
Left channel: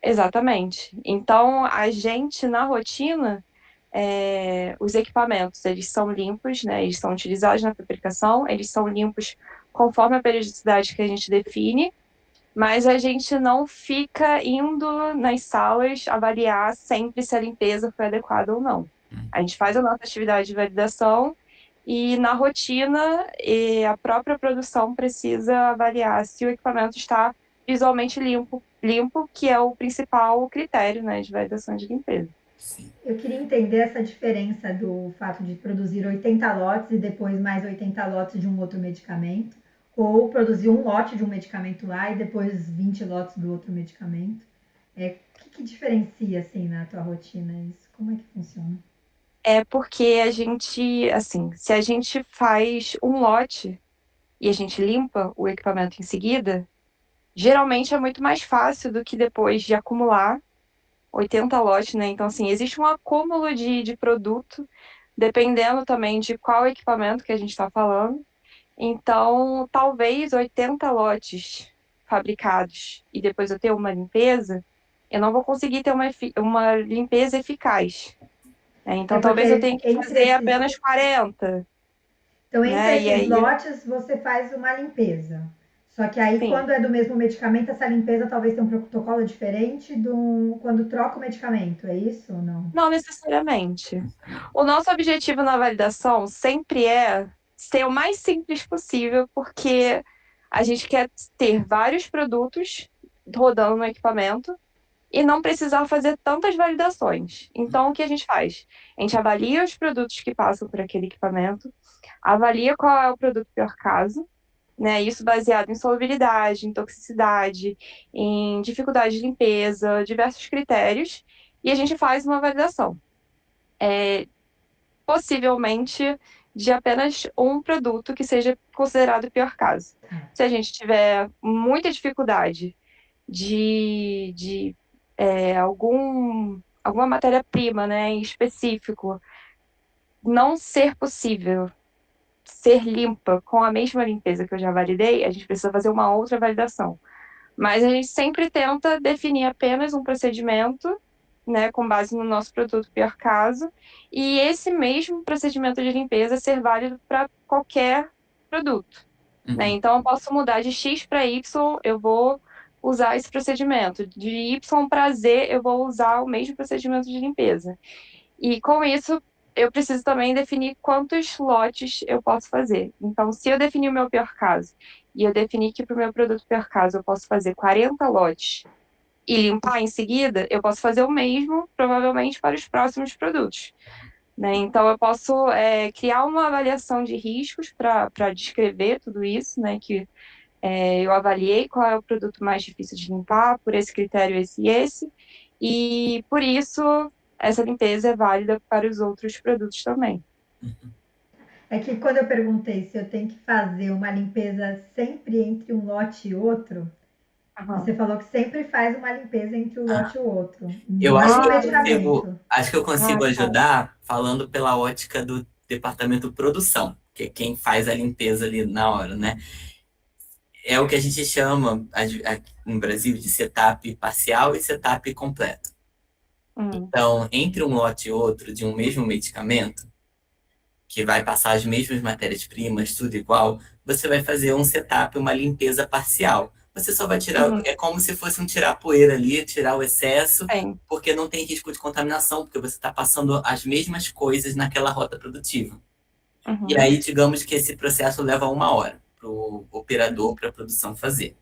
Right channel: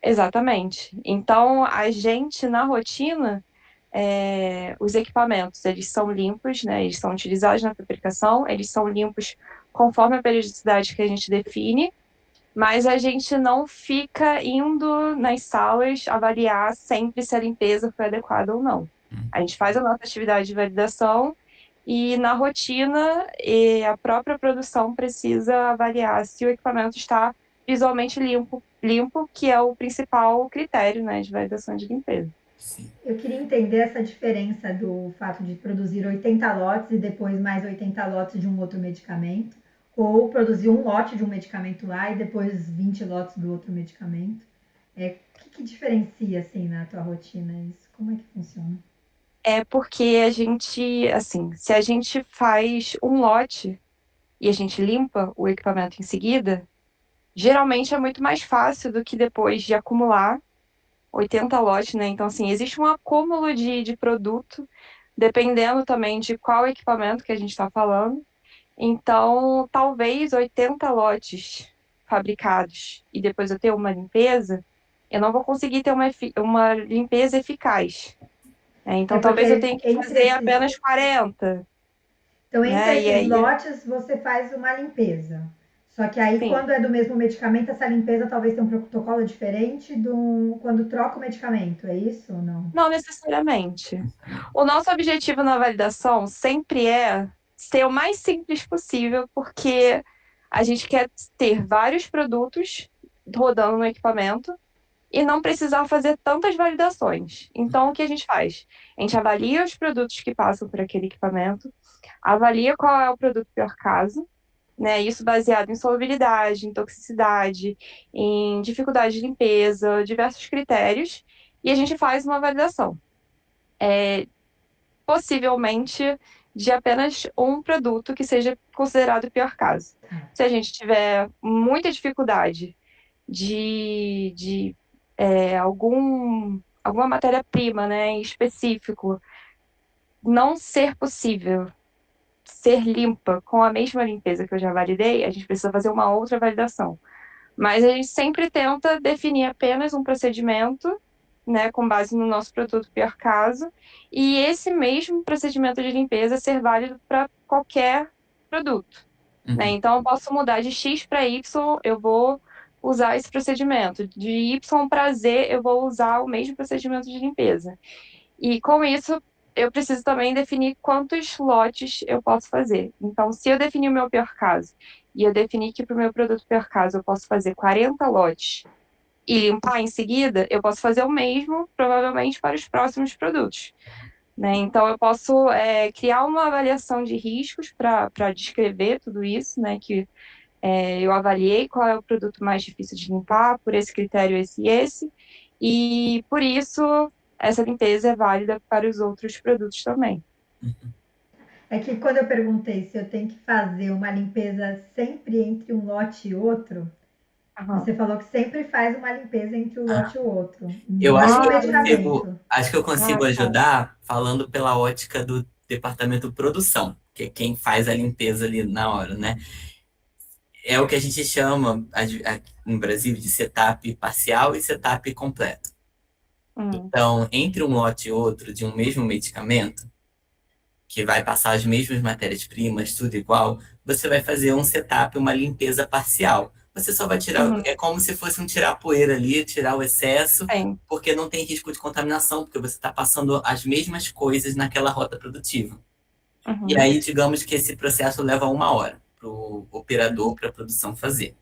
exatamente. Então, a gente, na rotina, os equipamentos, eles são limpos, né? Eles são utilizados na fabricação, eles são limpos conforme a periodicidade que a gente define, mas a gente não fica indo nas salas avaliar sempre se a limpeza foi adequada ou não. A gente faz a nossa atividade de validação e na rotina a própria produção precisa avaliar se o equipamento está visualmente limpo, que é o principal critério, né, de validação de limpeza. Sim. Eu queria entender essa diferença do fato de produzir 80 lotes e depois mais 80 lotes de um outro medicamento, ou produzir um lote de um medicamento lá e depois 20 lotes do outro medicamento. O que diferencia, assim, na tua rotina isso? Como é que funciona? É porque a gente, assim, se a gente faz um lote e a gente limpa o equipamento em seguida, geralmente é muito mais fácil do que depois de acumular 80 lotes, né? Então, assim, existe um acúmulo de produto, dependendo também de qual equipamento que a gente está falando. Então, talvez 80 lotes fabricados e depois eu ter uma limpeza, eu não vou conseguir ter uma limpeza eficaz, né? É Então, talvez eu porque tenha que fazer apenas 40, então, entre né? E esses aí, lotes, você faz uma limpeza. Só que aí, sim, quando é do mesmo medicamento, essa limpeza talvez tenha um protocolo diferente do quando troca o medicamento. É isso ou não? não necessariamente. O nosso objetivo na validação sempre é ser o mais simples possível, porque a gente quer ter vários produtos rodando no equipamento e não precisar fazer tantas validações. Então, o que a gente faz? A gente avalia os produtos que passam por aquele equipamento, avalia qual é o produto pior caso, né? Isso baseado em solubilidade, em toxicidade, em dificuldade de limpeza, diversos critérios, e a gente faz uma validação. Possivelmente de apenas um produto que seja considerado o pior caso. Se a gente tiver muita dificuldade de alguma matéria-prima, né, em específico, não ser possível ser limpa com a mesma limpeza que eu já validei, a gente precisa fazer uma outra validação. Mas a gente sempre tenta definir apenas um procedimento, né, com base no nosso produto pior caso, e esse mesmo procedimento de limpeza ser válido para qualquer produto, né? Uhum. Então eu posso mudar de X para Y, eu vou usar esse procedimento. De Y para Z, eu vou usar o mesmo procedimento de limpeza. E com isso, eu preciso também definir quantos lotes eu posso fazer. Então, se eu definir o meu pior caso e eu definir que para o meu produto pior caso eu posso fazer 40 lotes e limpar em seguida, eu posso fazer o mesmo, provavelmente, para os próximos produtos. Né? Então, eu posso criar uma avaliação de riscos para descrever tudo isso, né? Que eu avaliei qual é o produto mais difícil de limpar, por esse critério, esse e esse, e por isso essa limpeza é válida para os outros produtos também. É que quando eu perguntei se eu tenho que fazer uma limpeza sempre entre um lote e outro, Aham. você falou que sempre faz uma limpeza entre um Ah, lote e outro, eu mesmo medicamento. acho que eu consigo Tá. ajudar falando pela ótica do departamento produção, que é quem faz a limpeza ali na hora, né? É o que a gente chama no Brasil de setup parcial e setup completo. Hum. Então, entre um lote e outro de um mesmo medicamento, que vai passar as mesmas matérias-primas, tudo igual, você vai fazer um setup, uma limpeza parcial. Você só vai tirar, Uhum. é como se fosse um tirar a poeira ali, tirar o excesso, Tem. porque não tem risco de contaminação, porque você está passando as mesmas coisas naquela rota produtiva. E Uhum. aí, digamos que esse processo leva 1 hora para o operador, para a produção fazer.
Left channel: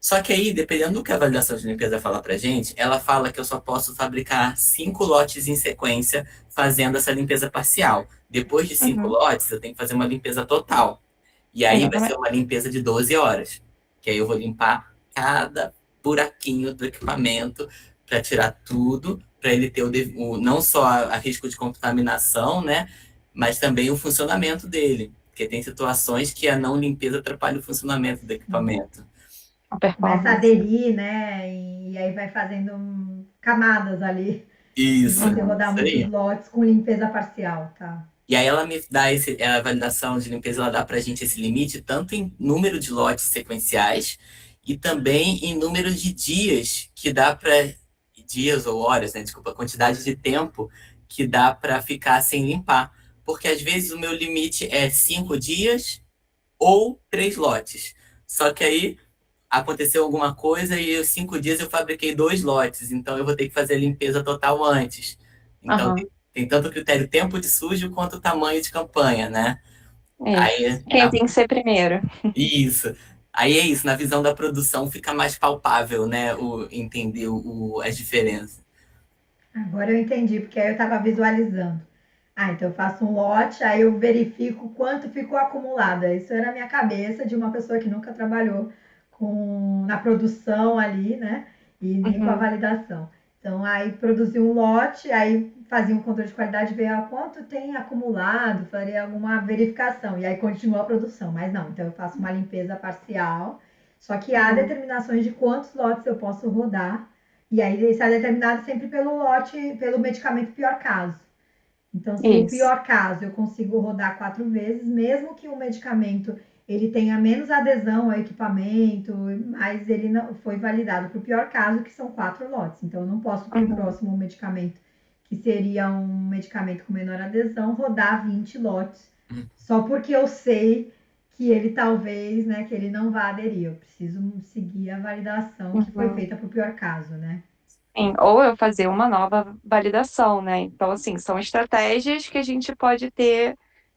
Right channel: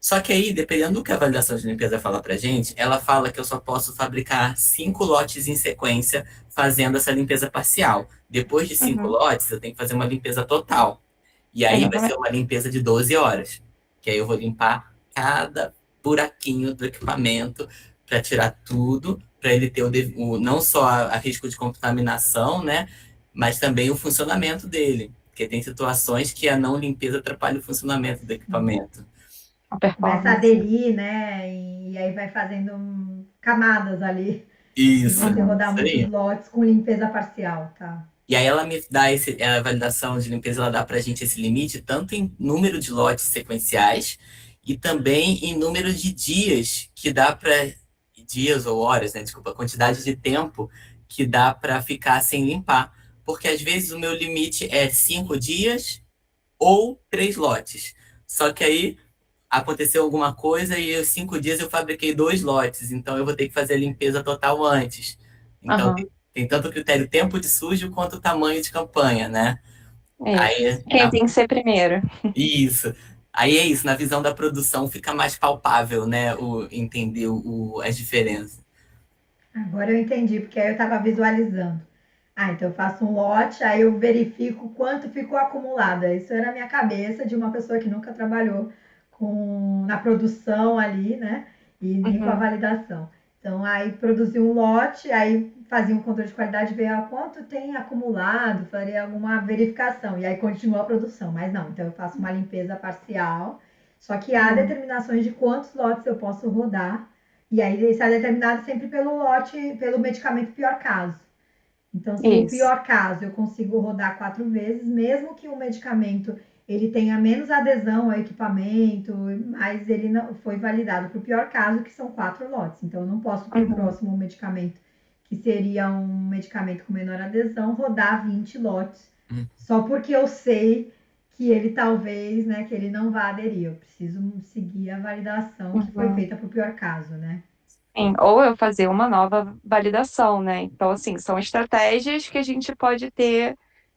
Só que aí, dependendo do que a validação de limpeza fala pra gente, ela fala que eu só posso fabricar 5 lotes em sequência fazendo essa limpeza parcial. Depois de cinco Uhum. lotes, eu tenho que fazer uma limpeza total. E aí vai ser Exatamente. uma limpeza de 12 horas. Que aí eu vou limpar cada buraquinho do equipamento para tirar tudo, para ele ter não só a risco de contaminação, né? Mas também o funcionamento dele. Porque tem situações que a não limpeza atrapalha o funcionamento do equipamento. A Começa a performance. aderir, né? E aí vai fazendo camadas ali. Se Isso, você rodar isso muitos aí. lotes com limpeza parcial, tá? E aí ela me dá a validação de limpeza, ela dá pra gente esse limite tanto em número de lotes sequenciais e também em número de dias que dá para dias ou horas, né? Desculpa, quantidade de tempo que dá para ficar sem limpar. Porque às vezes o meu limite é 5 dias ou 3 lotes. Só que aí aconteceu alguma coisa e os 5 dias eu fabriquei 2 lotes, então eu vou ter que fazer a limpeza total antes. Então Aham. tem tanto o critério tempo de sujo quanto o tamanho de campanha, né? Isso. Aí, Quem tem que ser primeiro? isso. Aí é isso, na visão da produção fica mais palpável, né? Entender as diferenças. Agora eu entendi, porque aí eu estava visualizando. Ah, então eu faço um lote, aí eu verifico quanto ficou acumulado. Isso era na minha cabeça de uma pessoa que nunca trabalhou na produção ali, né? e nem com a validação. Então, aí produziu um lote, aí fazia um controle de qualidade, ver quanto tem acumulado, faria alguma verificação, e aí continua a produção. Mas não, então eu faço uma limpeza parcial, só que há determinações de quantos lotes eu posso rodar, e aí isso é determinado sempre pelo lote, pelo medicamento pior caso. Então, se o pior caso eu consigo rodar 4 vezes, mesmo que o medicamento ele tenha menos adesão ao equipamento, mas ele não foi validado para o pior caso, que são 4 lotes. Então, eu não posso para o próximo medicamento, que seria um medicamento com menor adesão, rodar 20 lotes, só porque eu sei que ele talvez, né, que ele não vá aderir. Eu preciso seguir a validação que foi feita para o pior caso, né? Sim, ou eu fazer uma nova validação, né? Então, assim, são estratégias que a gente pode ter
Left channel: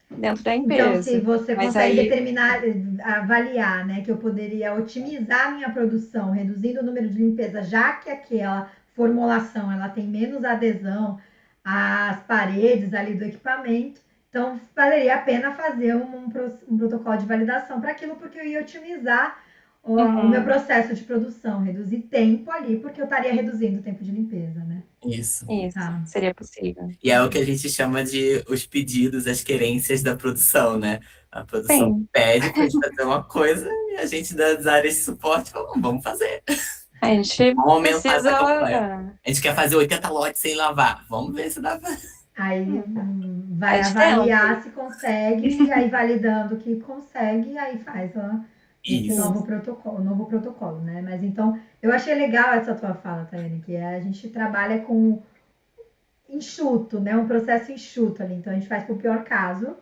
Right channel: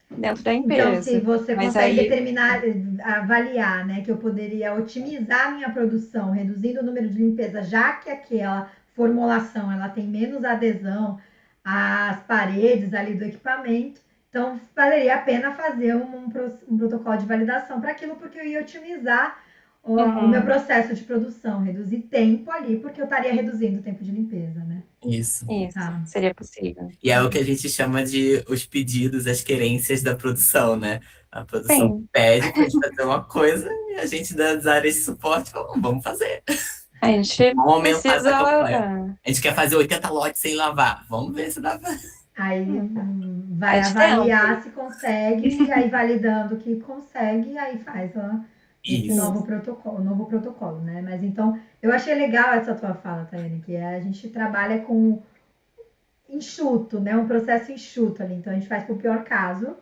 dentro da empresa. Então, se você consegue determinar, avaliar, né, que eu poderia otimizar a minha produção, reduzindo o número de limpeza, já que aquela formulação ela tem menos adesão às paredes ali do equipamento, então valeria a pena fazer um protocolo de validação para aquilo, porque eu ia otimizar o meu processo de produção, reduzir tempo ali, porque eu estaria reduzindo o tempo de limpeza, né? Isso. Seria possível. E é o que a gente chama de os pedidos, as querências da produção, né? A produção pede para gente fazer uma coisa e a gente das áreas de suporte fala, vamos fazer. A gente vamos aumentar essa campanha. A gente quer fazer 80 lotes sem lavar. Vamos ver se dá pra... Aí vai avaliar se consegue, e aí validando que consegue, aí faz esse novo protocolo, né? Mas então, eu achei legal essa tua fala, Tayane, que a gente trabalha com enxuto, né? Um processo enxuto ali. Então, a gente faz para o pior caso,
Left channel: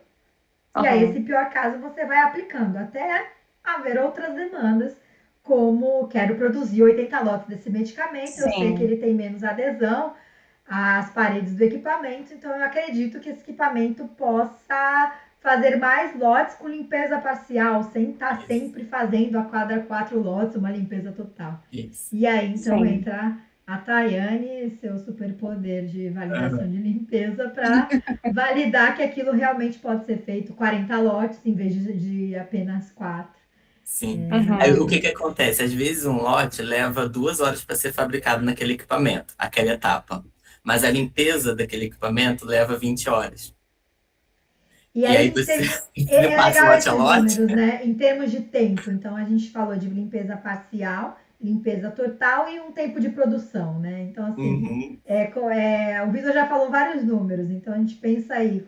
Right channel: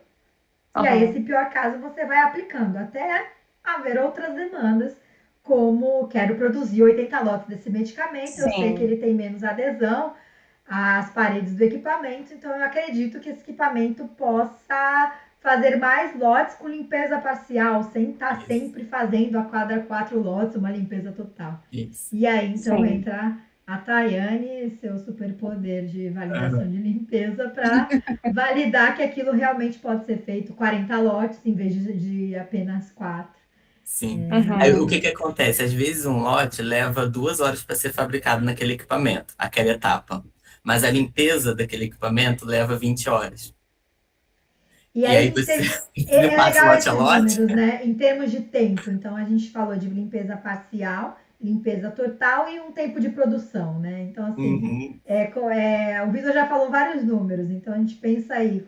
e aí esse pior caso você vai aplicando até haver outras demandas, como quero produzir 80 lotes desse medicamento, eu sei que ele tem menos adesão às paredes do equipamento, então eu acredito que esse equipamento possa fazer mais lotes com limpeza parcial, sem estar sempre fazendo a cada 4 lotes uma limpeza total. E aí, então, entra a Tayane, seu superpoder de validação de limpeza, para validar que aquilo realmente pode ser feito 40 lotes em vez de apenas 4. Sim. Aí, o que acontece? Às vezes um lote leva 2 horas para ser fabricado naquele equipamento, aquela etapa. Mas a limpeza daquele equipamento leva 20 horas. E aí você é legal esses números, né? Em termos de tempo. Então, a gente falou de limpeza parcial, limpeza total e um tempo de produção, né? Então, assim, o Vitor já falou vários números. Então, a gente pensa aí,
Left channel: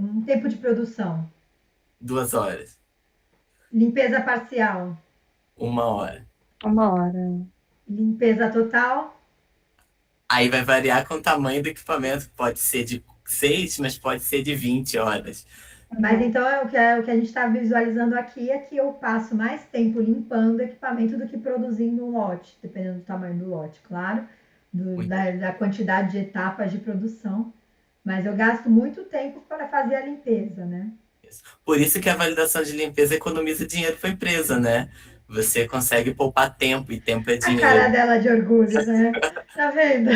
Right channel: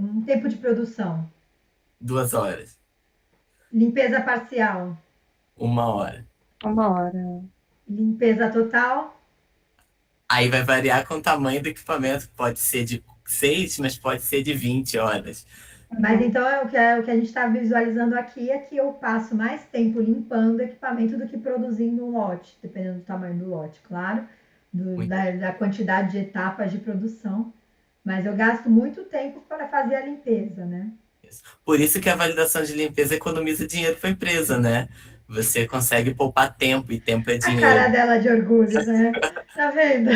um tempo de produção. 2 horas. Limpeza parcial. 1 hora. 1 hora. Limpeza total. Aí vai variar com o tamanho do equipamento. Pode ser de 6, mas pode ser de 20 horas. Mas então o que a gente está visualizando aqui é que eu passo mais tempo limpando o equipamento do que produzindo um lote, dependendo do tamanho do lote, claro, da quantidade de etapas de produção. Mas eu gasto muito tempo para fazer a limpeza, né? Por isso que a validação de limpeza economiza dinheiro para a empresa, né? Você consegue poupar tempo, e tempo é dinheiro. A cara dela de orgulho, né? Tá vendo?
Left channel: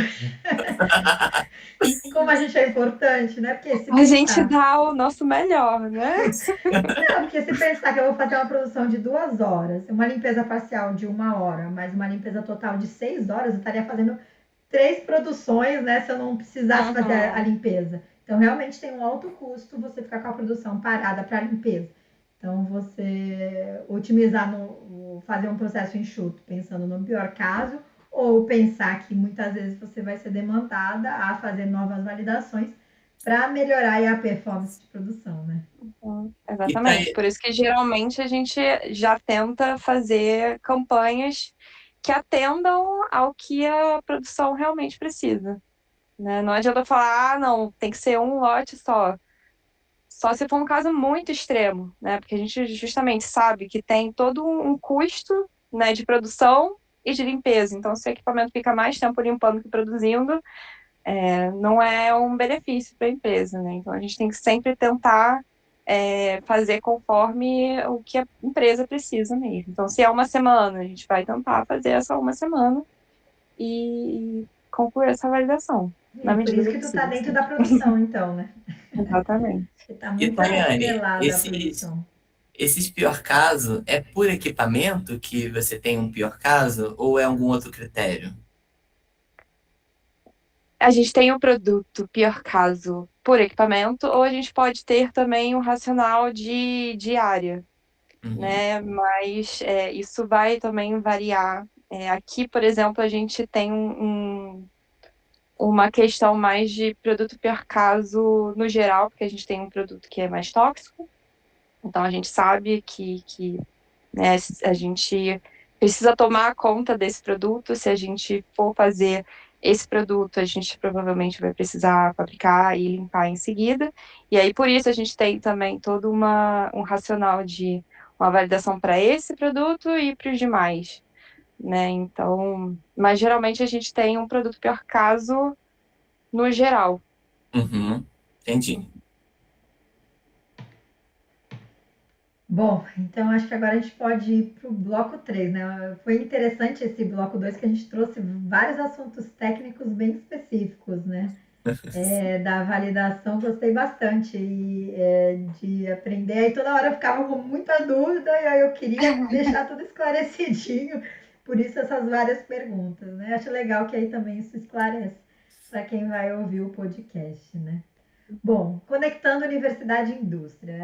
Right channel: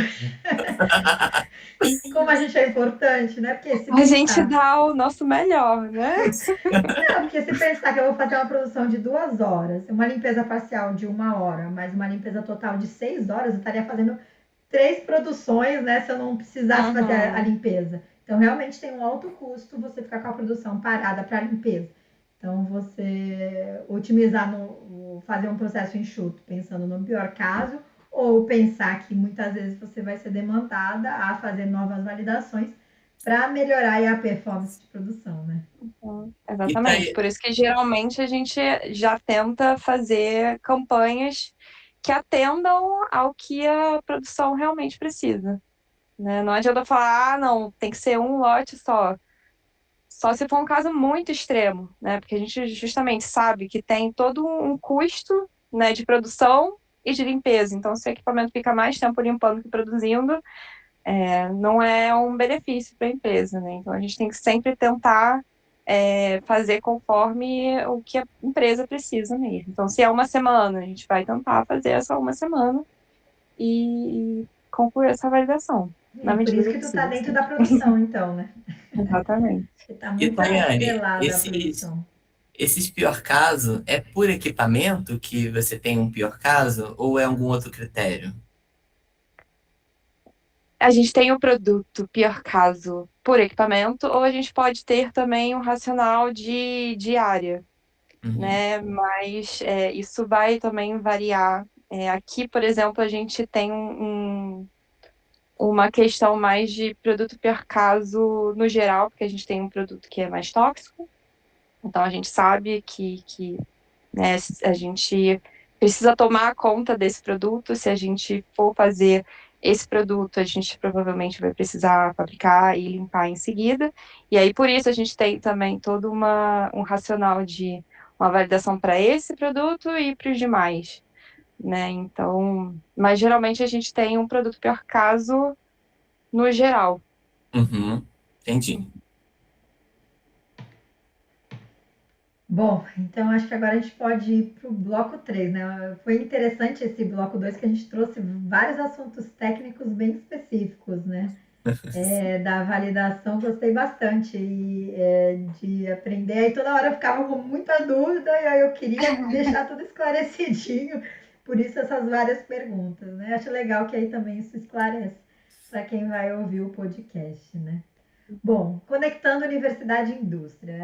Como a gente é importante, né? Porque se a gente dá o nosso melhor, né? Não, porque se pensar que eu vou fazer uma produção de 2 horas, uma limpeza parcial de 1 hora, mais uma limpeza total de 6 horas, eu estaria fazendo 3 produções, né? Se eu não precisasse fazer a limpeza. Então, realmente tem um alto custo você ficar com a produção parada para limpeza. Então, você otimizar, fazer um processo enxuto, pensando no pior caso, ou pensar que muitas vezes você vai ser demandada a fazer novas validações para melhorar a performance de produção, né? Exatamente. Por isso que geralmente a gente já tenta fazer campanhas que atendam ao que a produção realmente precisa, né? Não adianta falar, não, tem que ser um lote só. Só se for um caso muito extremo, né? Porque a gente justamente sabe que tem todo um custo, né, de produção e de limpeza. Então, se o equipamento fica mais tempo limpando que produzindo, não é um benefício para a empresa, né? Então, a gente tem que sempre tentar fazer conforme o que a empresa precisa mesmo. Então, se é 1 semana, a gente vai tentar fazer essa 1 semana e concluir essa validação. Por isso que tu tá dentro da produção, então, né? Exatamente. Você tá muito atrelada à produção. Esses pior caso, é por equipamento que você tem um pior caso ou é algum outro critério? A gente tem o produto, pior caso, por equipamento, ou a gente pode ter também um racional de área, Uhum, né? Mas isso vai também variar. Aqui, por exemplo, a gente tem uma questão mais de produto pior caso no geral, porque a gente tem um produto que é mais tóxico, então a gente sabe que né, a gente precisa tomar conta desse produto. Se a gente for fazer esse produto, a gente provavelmente vai precisar fabricar e limpar em seguida. E aí, por isso, a gente tem também todo um racional de uma validação para esse produto e para os demais, né? Então, mas geralmente a gente tem um produto pior caso no geral. uhum, entendi. Bom, então acho que agora a gente pode ir para o bloco 3, né? Foi interessante esse bloco 2 que a gente trouxe vários assuntos técnicos bem específicos, né? Da validação, gostei bastante de aprender. Aí toda hora eu ficava com muita dúvida e aí eu queria deixar tudo esclarecidinho, por isso essas várias perguntas, né? Acho legal que aí também isso esclarece para quem vai ouvir o podcast, né? Bom, conectando universidade e indústria.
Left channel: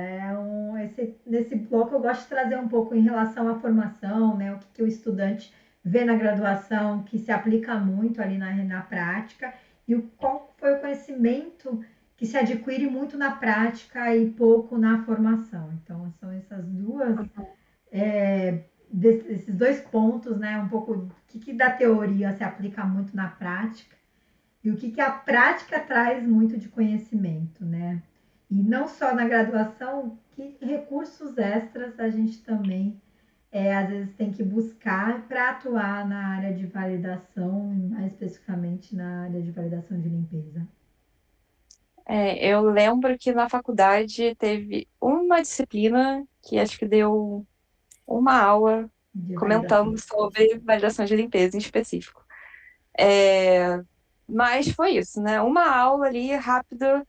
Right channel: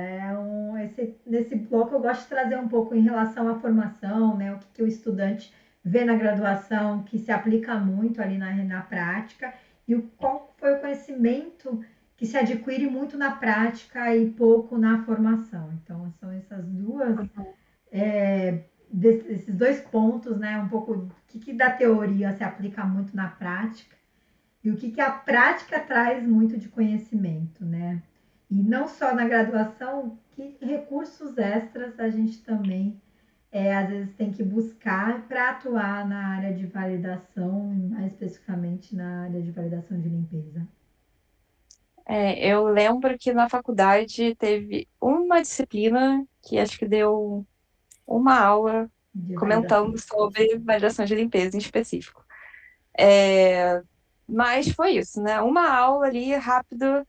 Nesse bloco eu gosto de trazer um pouco em relação à formação, né? O que o estudante vê na graduação, que se aplica muito ali na prática, e qual foi o conhecimento que se adquire muito na prática e pouco na formação. Então, são essas duas, esses dois pontos, né? Um pouco o que da teoria se aplica muito na prática e o que a prática traz muito de conhecimento, né? E não só na graduação, que recursos extras a gente também às vezes tem que buscar para atuar na área de validação, mais especificamente na área de validação de limpeza. Eu lembro que na faculdade teve uma disciplina que acho que deu uma aula De validação. comentando sobre validação de limpeza em específico. É, mas foi isso, né? Uma aula ali rápida.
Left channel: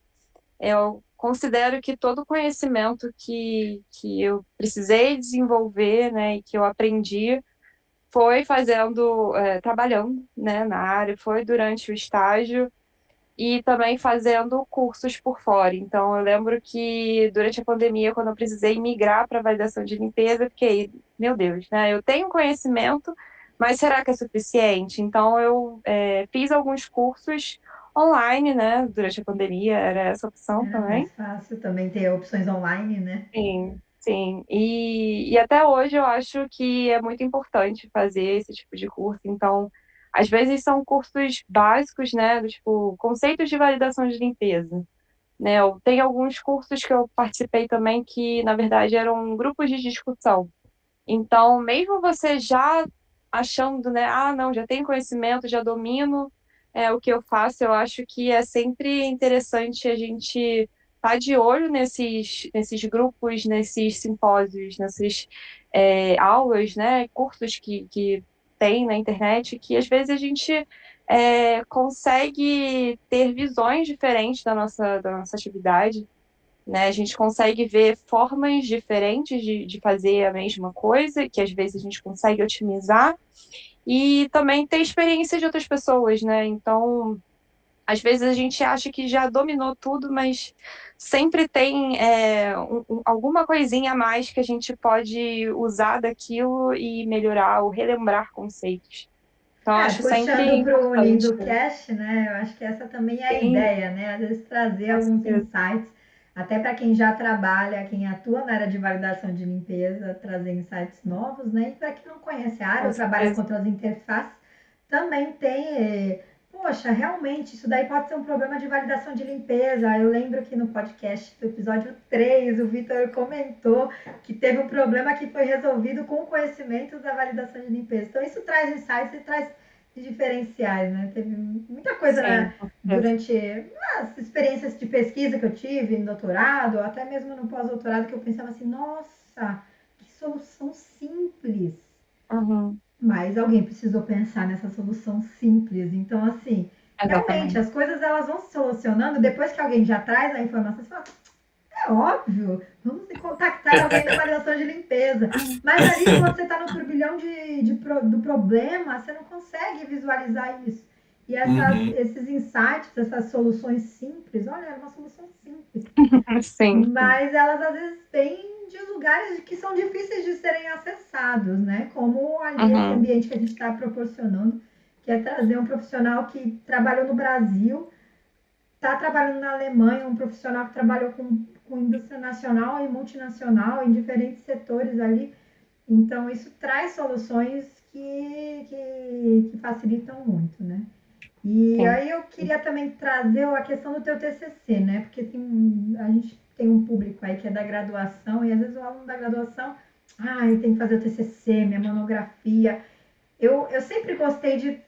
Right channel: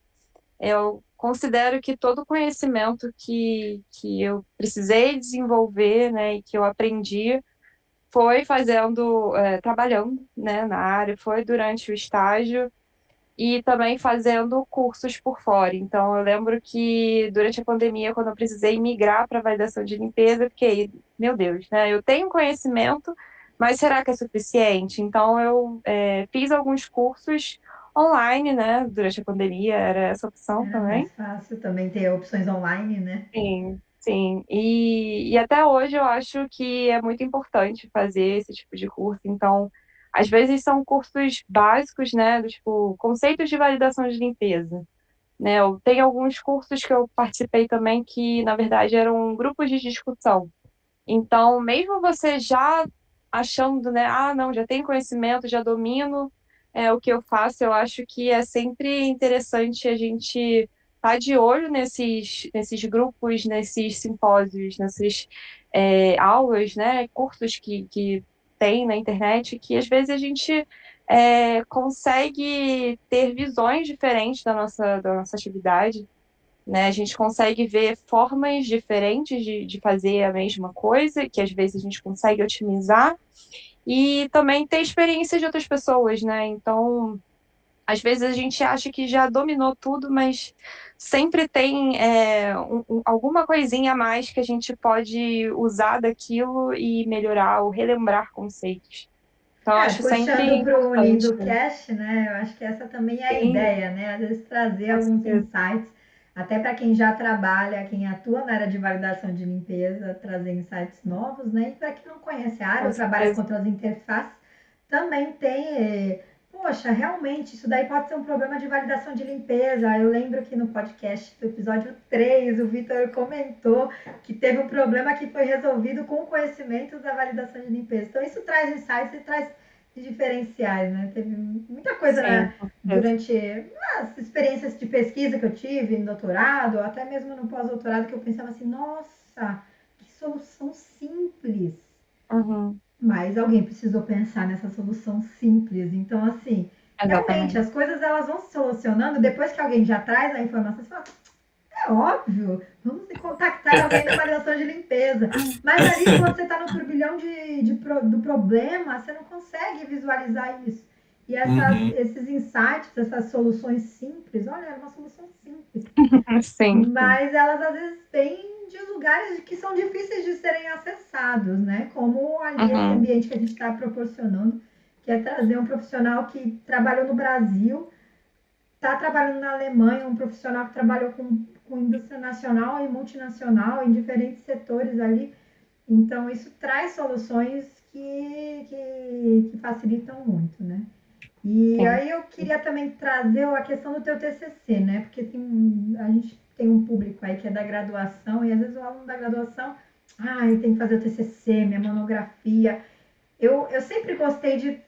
Eu considero que todo o conhecimento que eu precisei desenvolver, né, e que eu aprendi foi fazendo, trabalhando, né, na área, foi durante o estágio e também fazendo cursos por fora. Então, eu lembro que durante a pandemia, quando eu precisei migrar para validação de limpeza, eu fiquei, meu Deus, né? Eu tenho conhecimento, mas será que é suficiente? Então, eu fiz alguns cursos online, né? Durante a pandemia, era essa opção Era mais também. fácil também ter opções online, né? Sim, sim. E até hoje eu acho que é muito importante fazer esse tipo de curso. Então, às vezes são cursos básicos, né? Do tipo, conceitos de validação de limpeza. Né? Eu tenho alguns cursos que eu participei também que, na verdade, eram grupos de discussão. Então, mesmo você já achando, né? Ah, não, já tenho conhecimento, já domino o que eu faço, eu acho que é sempre interessante a gente estar de olho nesses grupos, nesses simpósios, nessas aulas, né? Cursos que tem na internet, que às vezes a gente consegue ter visões diferentes da nossa atividade, né? A gente consegue ver formas diferentes de fazer a mesma coisa, que às vezes a gente consegue otimizar, e também ter experiência de outras pessoas, né? Então, às vezes a gente acha que já dominou tudo, mas sempre tem alguma coisinha a mais que a gente pode usar daquilo e melhorar ou relembrar conceitos. Então, eu acho sempre Puxando para o importante. Lindo Cast, né? Eu acho que essa também é a Sim, ideia, né? Às vezes trazer com alguns certeza. insights, até para quem já trabalha, quem atua na área de validação de limpeza, trazer insights novos, né? E para quem não conhece a área Com ou trabalha com certeza. outras interfaces, também tem. Poxa, realmente, isso daí pode ser um problema de validação de limpeza. Eu lembro que no podcast do episódio 3, o Vitor comentou que teve um problema que foi resolvido com conhecimentos da validação de limpeza. Então, isso traz insights e traz diferenciais, né? Teve muita coisa Sim, com certeza. durante as experiências de pesquisa que eu tive no doutorado, ou até mesmo no pós-doutorado, que eu pensava assim, nossa, que solução simples. Uhum, Mas alguém precisou pensar nessa solução simples. Então, assim, realmente, exatamente. as coisas elas vão se solucionando depois que alguém já traz a informação. Você fala, É óbvio, vamos contactar alguém da validação de limpeza. Mas ali, quando você está no turbilhão do problema, você não consegue visualizar isso. E Uhum. esses insights, essas soluções simples, olha, é uma solução simples. Sim. Mas elas às vezes vêm de lugares que são difíceis de serem acessados, né? Como ali esse ambiente que a gente está proporcionando, que é trazer um profissional que trabalhou no Brasil, está trabalhando na Alemanha, um profissional que trabalhou com indústria nacional e multinacional em diferentes setores ali. Então, isso traz soluções que facilitam muito, né? E Sim. aí eu queria também trazer a questão do teu TCC, né? Porque a gente tem um público aí que é da graduação e às vezes o aluno da graduação, tem que fazer o TCC, minha monografia. Eu sempre gostei de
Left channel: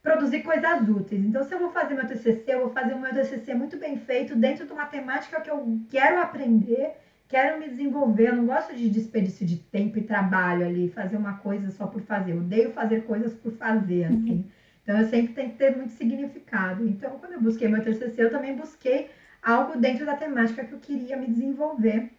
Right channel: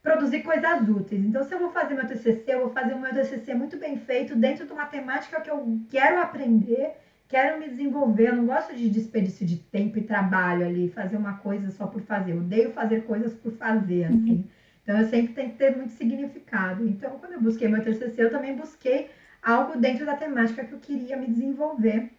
produzir coisas úteis. Então, se eu vou fazer meu TCC, eu vou fazer o meu TCC muito bem feito, dentro de uma temática que eu quero aprender, quero me desenvolver. Eu não gosto de desperdício de tempo e trabalho ali, fazer uma coisa só por fazer. Eu odeio fazer coisas por fazer, assim. Então, eu sempre tenho que ter muito significado. Então, quando eu busquei meu TCC, eu também busquei algo dentro da temática que eu queria me desenvolver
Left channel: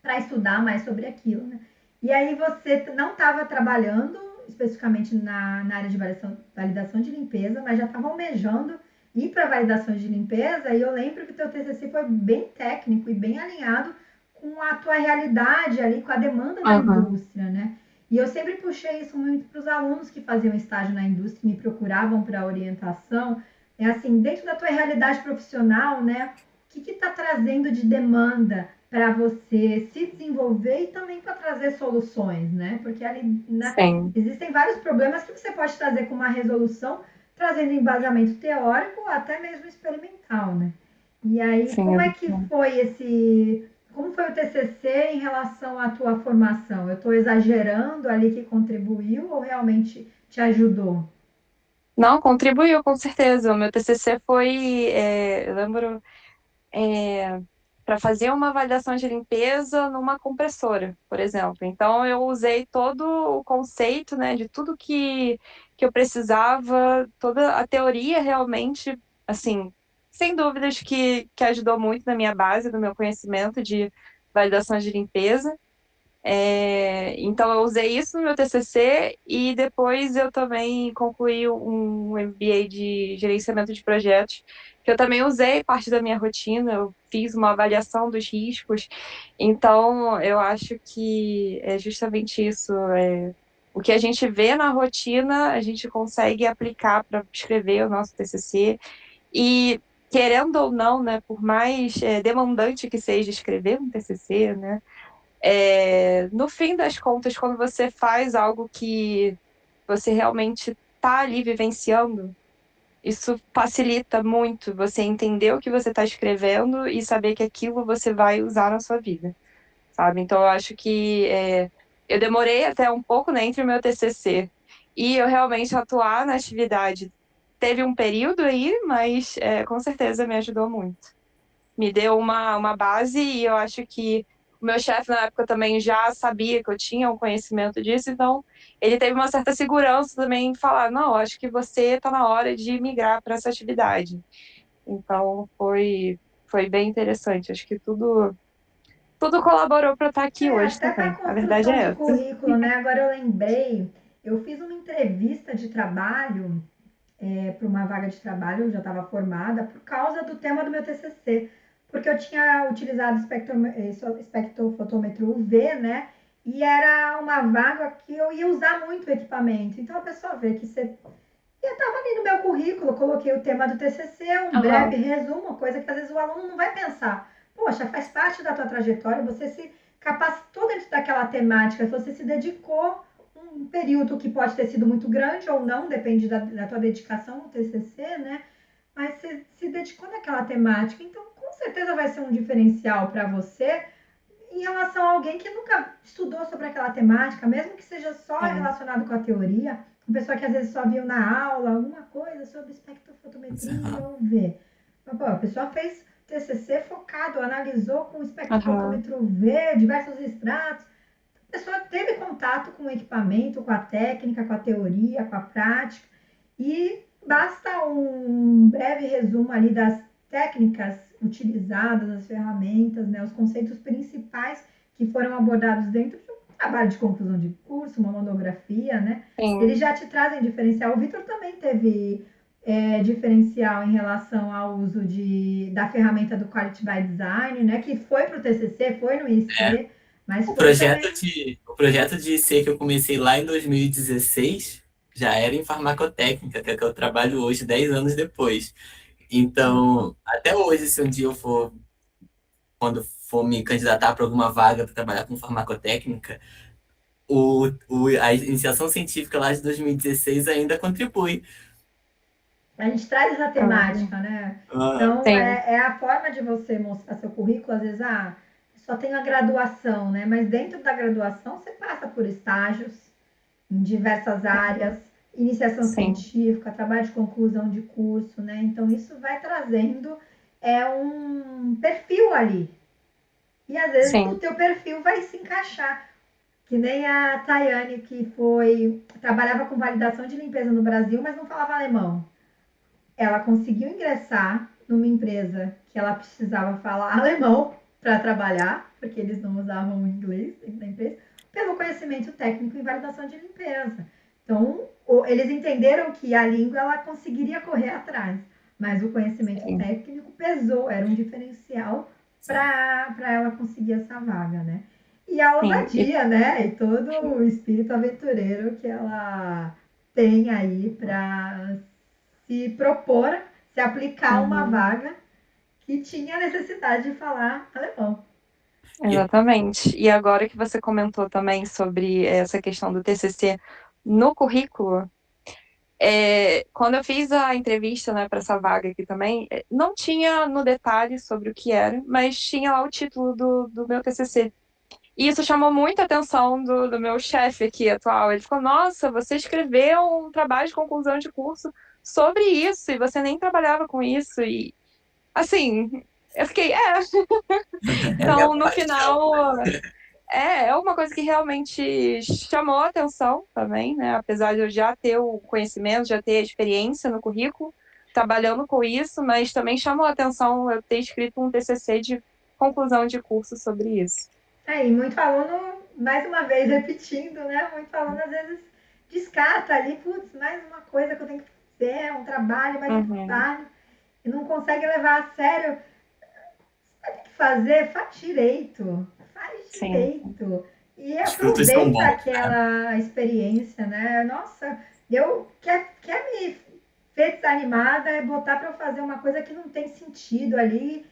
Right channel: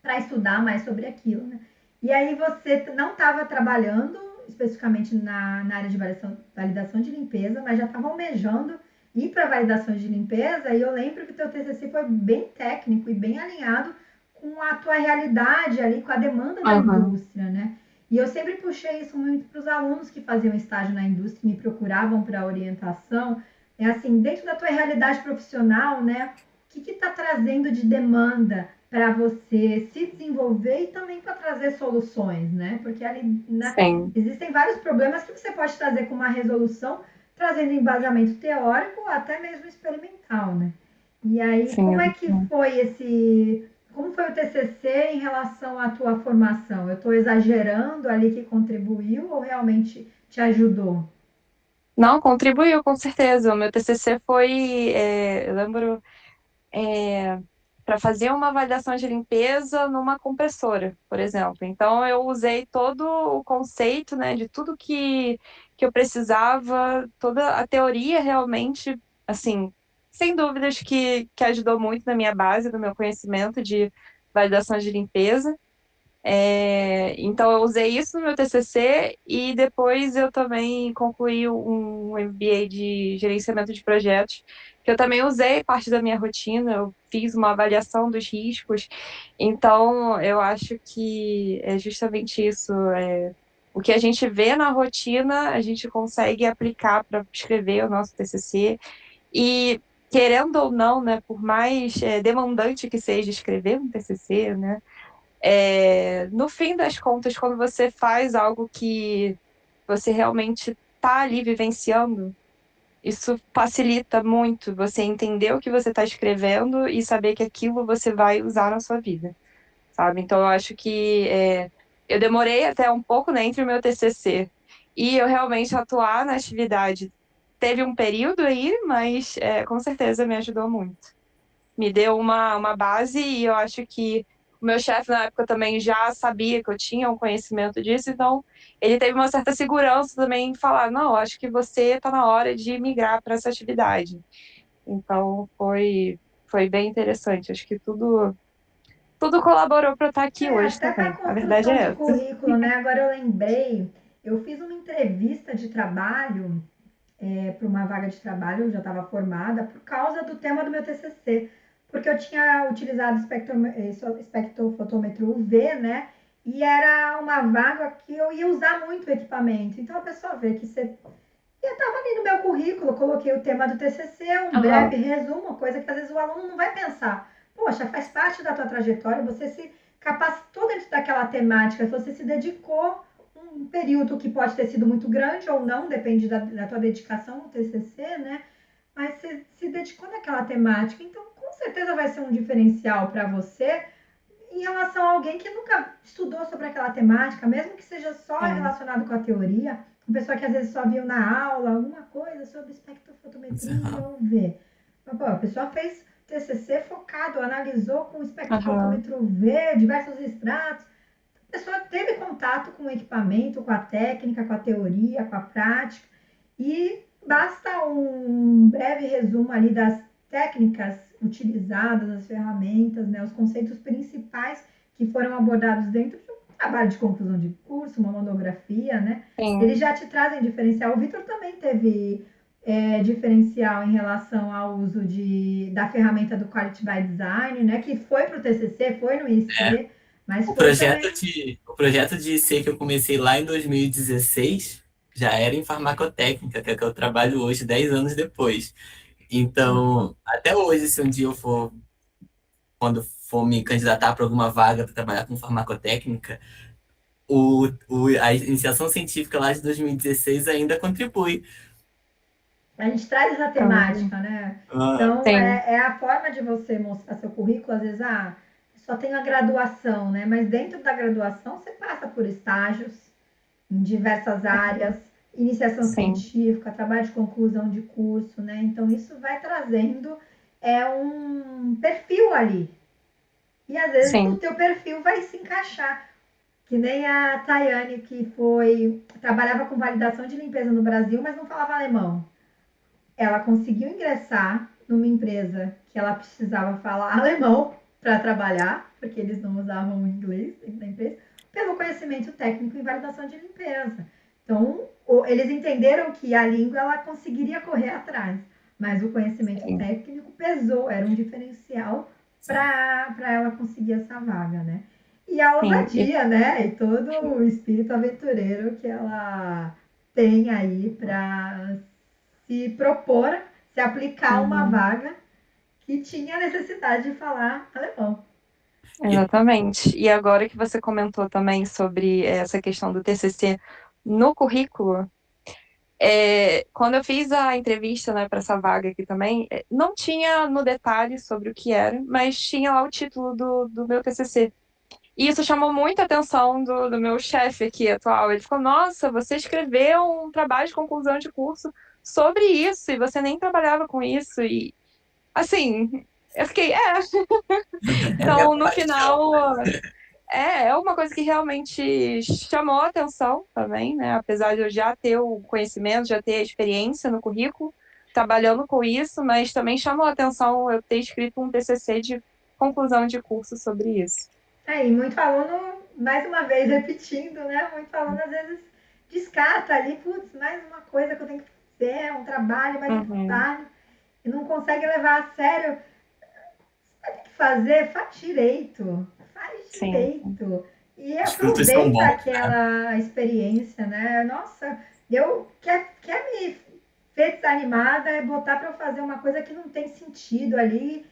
para estudar mais sobre aquilo, né? E aí você não estava trabalhando especificamente na área de validação de limpeza, mas já estava almejando ir para validação de limpeza, e eu lembro que o teu TCC foi bem técnico e bem alinhado com a tua realidade ali, com a demanda da indústria, né? E eu sempre puxei isso muito para os alunos que faziam estágio na indústria e me procuravam para orientação. É assim, dentro da tua realidade profissional, né? O que está trazendo de demanda para você se desenvolver e também para trazer soluções, né? Porque ali, né, existem vários problemas que você pode trazer com uma resolução, trazendo embasamento teórico ou até mesmo experimental, né? E aí, como é que foi como foi o TCC em relação à tua formação? Eu estou exagerando ali que contribuiu ou realmente te ajudou? Não, contribuiu, com certeza. O meu TCC foi, eu lembro, para fazer uma avaliação de limpeza numa compressora, por exemplo. Então, eu usei todo o conceito, né, de tudo que eu precisava, toda a teoria realmente, assim, sem dúvidas que ajudou muito na minha base, no meu conhecimento de validação de limpeza. Então, eu usei isso no meu TCC e depois eu também concluí um MBA de gerenciamento de projetos, que eu também usei parte da minha rotina, eu fiz uma avaliação dos riscos. Então, eu acho que é justamente isso. O que a gente vê na rotina, a gente consegue aplicar para escrever o nosso TCC. E, querendo ou não, né, por mais demandante que seja escrever um TCC, né, no fim das contas, quando você faz algo que você realmente está ali vivenciando, isso facilita muito você entender o que você está escrevendo e saber que aquilo você vai usar na sua vida, sabe? Então, eu acho que eu demorei até um pouco, né, entre o meu TCC e eu realmente atuar na atividade. Teve um período aí, mas com certeza me ajudou muito. Me deu uma base e eu acho que o meu chefe na época também já sabia que eu tinha um conhecimento disso, então ele teve uma certa segurança também em falar, não, acho que você está na hora de migrar para essa atividade. Então foi bem interessante, acho que tudo colaborou para eu estar aqui hoje Até para a também. A verdade construção é de essa. currículo, né? Agora eu lembrei, eu fiz uma entrevista de trabalho para uma vaga de trabalho, eu já estava formada, por causa do tema do meu TCC, porque eu tinha utilizado espectrofotômetro UV, né? E era uma vaga que eu ia usar muito o equipamento. Então a pessoa vê que você. Eu estava ali no meu currículo, coloquei o tema do TCC, um breve resumo, coisa que às vezes o aluno não vai pensar. Poxa, faz parte da tua trajetória, você se capacitou dentro daquela temática, você se dedicou um período que pode ter sido muito grande ou não, depende da tua dedicação no TCC, né? Mas você se dedicou naquela temática, então com certeza vai ser um diferencial para você em relação a alguém que nunca estudou sobre aquela temática, mesmo que seja só relacionado com a teoria, uma pessoa que às vezes só viu na aula alguma coisa sobre espectrofotometria ou UV. Mas, pô, a pessoa fez TCC focado, analisou com espectrofotômetro UV, diversos extratos. A pessoa teve contato com o equipamento, com a técnica, com a teoria, com a prática, e basta um breve resumo ali das técnicas utilizadas, as ferramentas, né, os conceitos principais que foram abordados dentro de um trabalho de conclusão de curso, uma monografia, né? Sim. Eles já te trazem diferencial. O Vitor também teve diferencial em relação ao uso da ferramenta do Quality by Design, né? Que foi para o TCC, foi no IC, mas O foi projeto também... o projeto de IC que eu comecei lá em 2016 já era em farmacotécnica, que é que eu trabalho hoje, 10 anos depois. Então, até hoje, se um dia eu for, quando for me candidatar para alguma vaga para trabalhar com farmacotécnica, a iniciação científica lá de 2016 ainda contribui. A gente traz essa temática, né? Então, Sim. é a forma de você mostrar seu currículo, às vezes, só tem a graduação, né? Mas dentro da graduação, você passa por estágios em diversas áreas, iniciação Sim. científica, trabalho de conclusão de curso, né? Então, isso vai trazendo um perfil ali. E, às vezes, o Sim. teu perfil vai se encaixar. Que nem a Tayane, que trabalhava com validação de limpeza no Brasil, mas não falava alemão. Ela conseguiu ingressar numa empresa que ela precisava falar alemão para trabalhar, porque eles não usavam o inglês dentro da empresa, pelo conhecimento técnico em validação de limpeza. Então, eles entenderam que a língua ela conseguiria correr atrás, mas o conhecimento Sim. técnico pesou, era um diferencial para ela conseguir essa vaga, né? E a ousadia, né? E todo o espírito aventureiro que ela tem aí para se propor, se aplicar uma vaga que tinha necessidade de falar alemão. Exatamente. E agora que você comentou também sobre essa questão do TCC no currículo, quando eu fiz a entrevista, né, para essa vaga aqui também, não tinha no detalhe sobre o que era, mas tinha lá o título do meu TCC. E isso chamou muita atenção do meu chefe aqui atual. Ele falou: Nossa, você escreveu um trabalho de conclusão de curso sobre isso e você nem trabalhava com isso. E assim, eu fiquei, É minha Então, no paixão. final, é uma coisa que realmente chamou a atenção também, né? Apesar de eu já ter o conhecimento, já ter a experiência no currículo, trabalhando com isso, mas também chamou a atenção eu ter escrito um TCC de conclusão de curso sobre isso. E muito aluno, mais uma vez repetindo, né? Muito aluno às vezes descarta ali, putz, mais uma coisa que eu tenho que fazer, um trabalho, mais um trabalho, e não consegue levar a sério. Você vai ter que fazer, faz direito, faz Sim. direito. E Os frutos são aproveita bons, né? aquela experiência, né? Nossa, quer me ver desanimada é botar para eu fazer uma coisa que não tem sentido ali.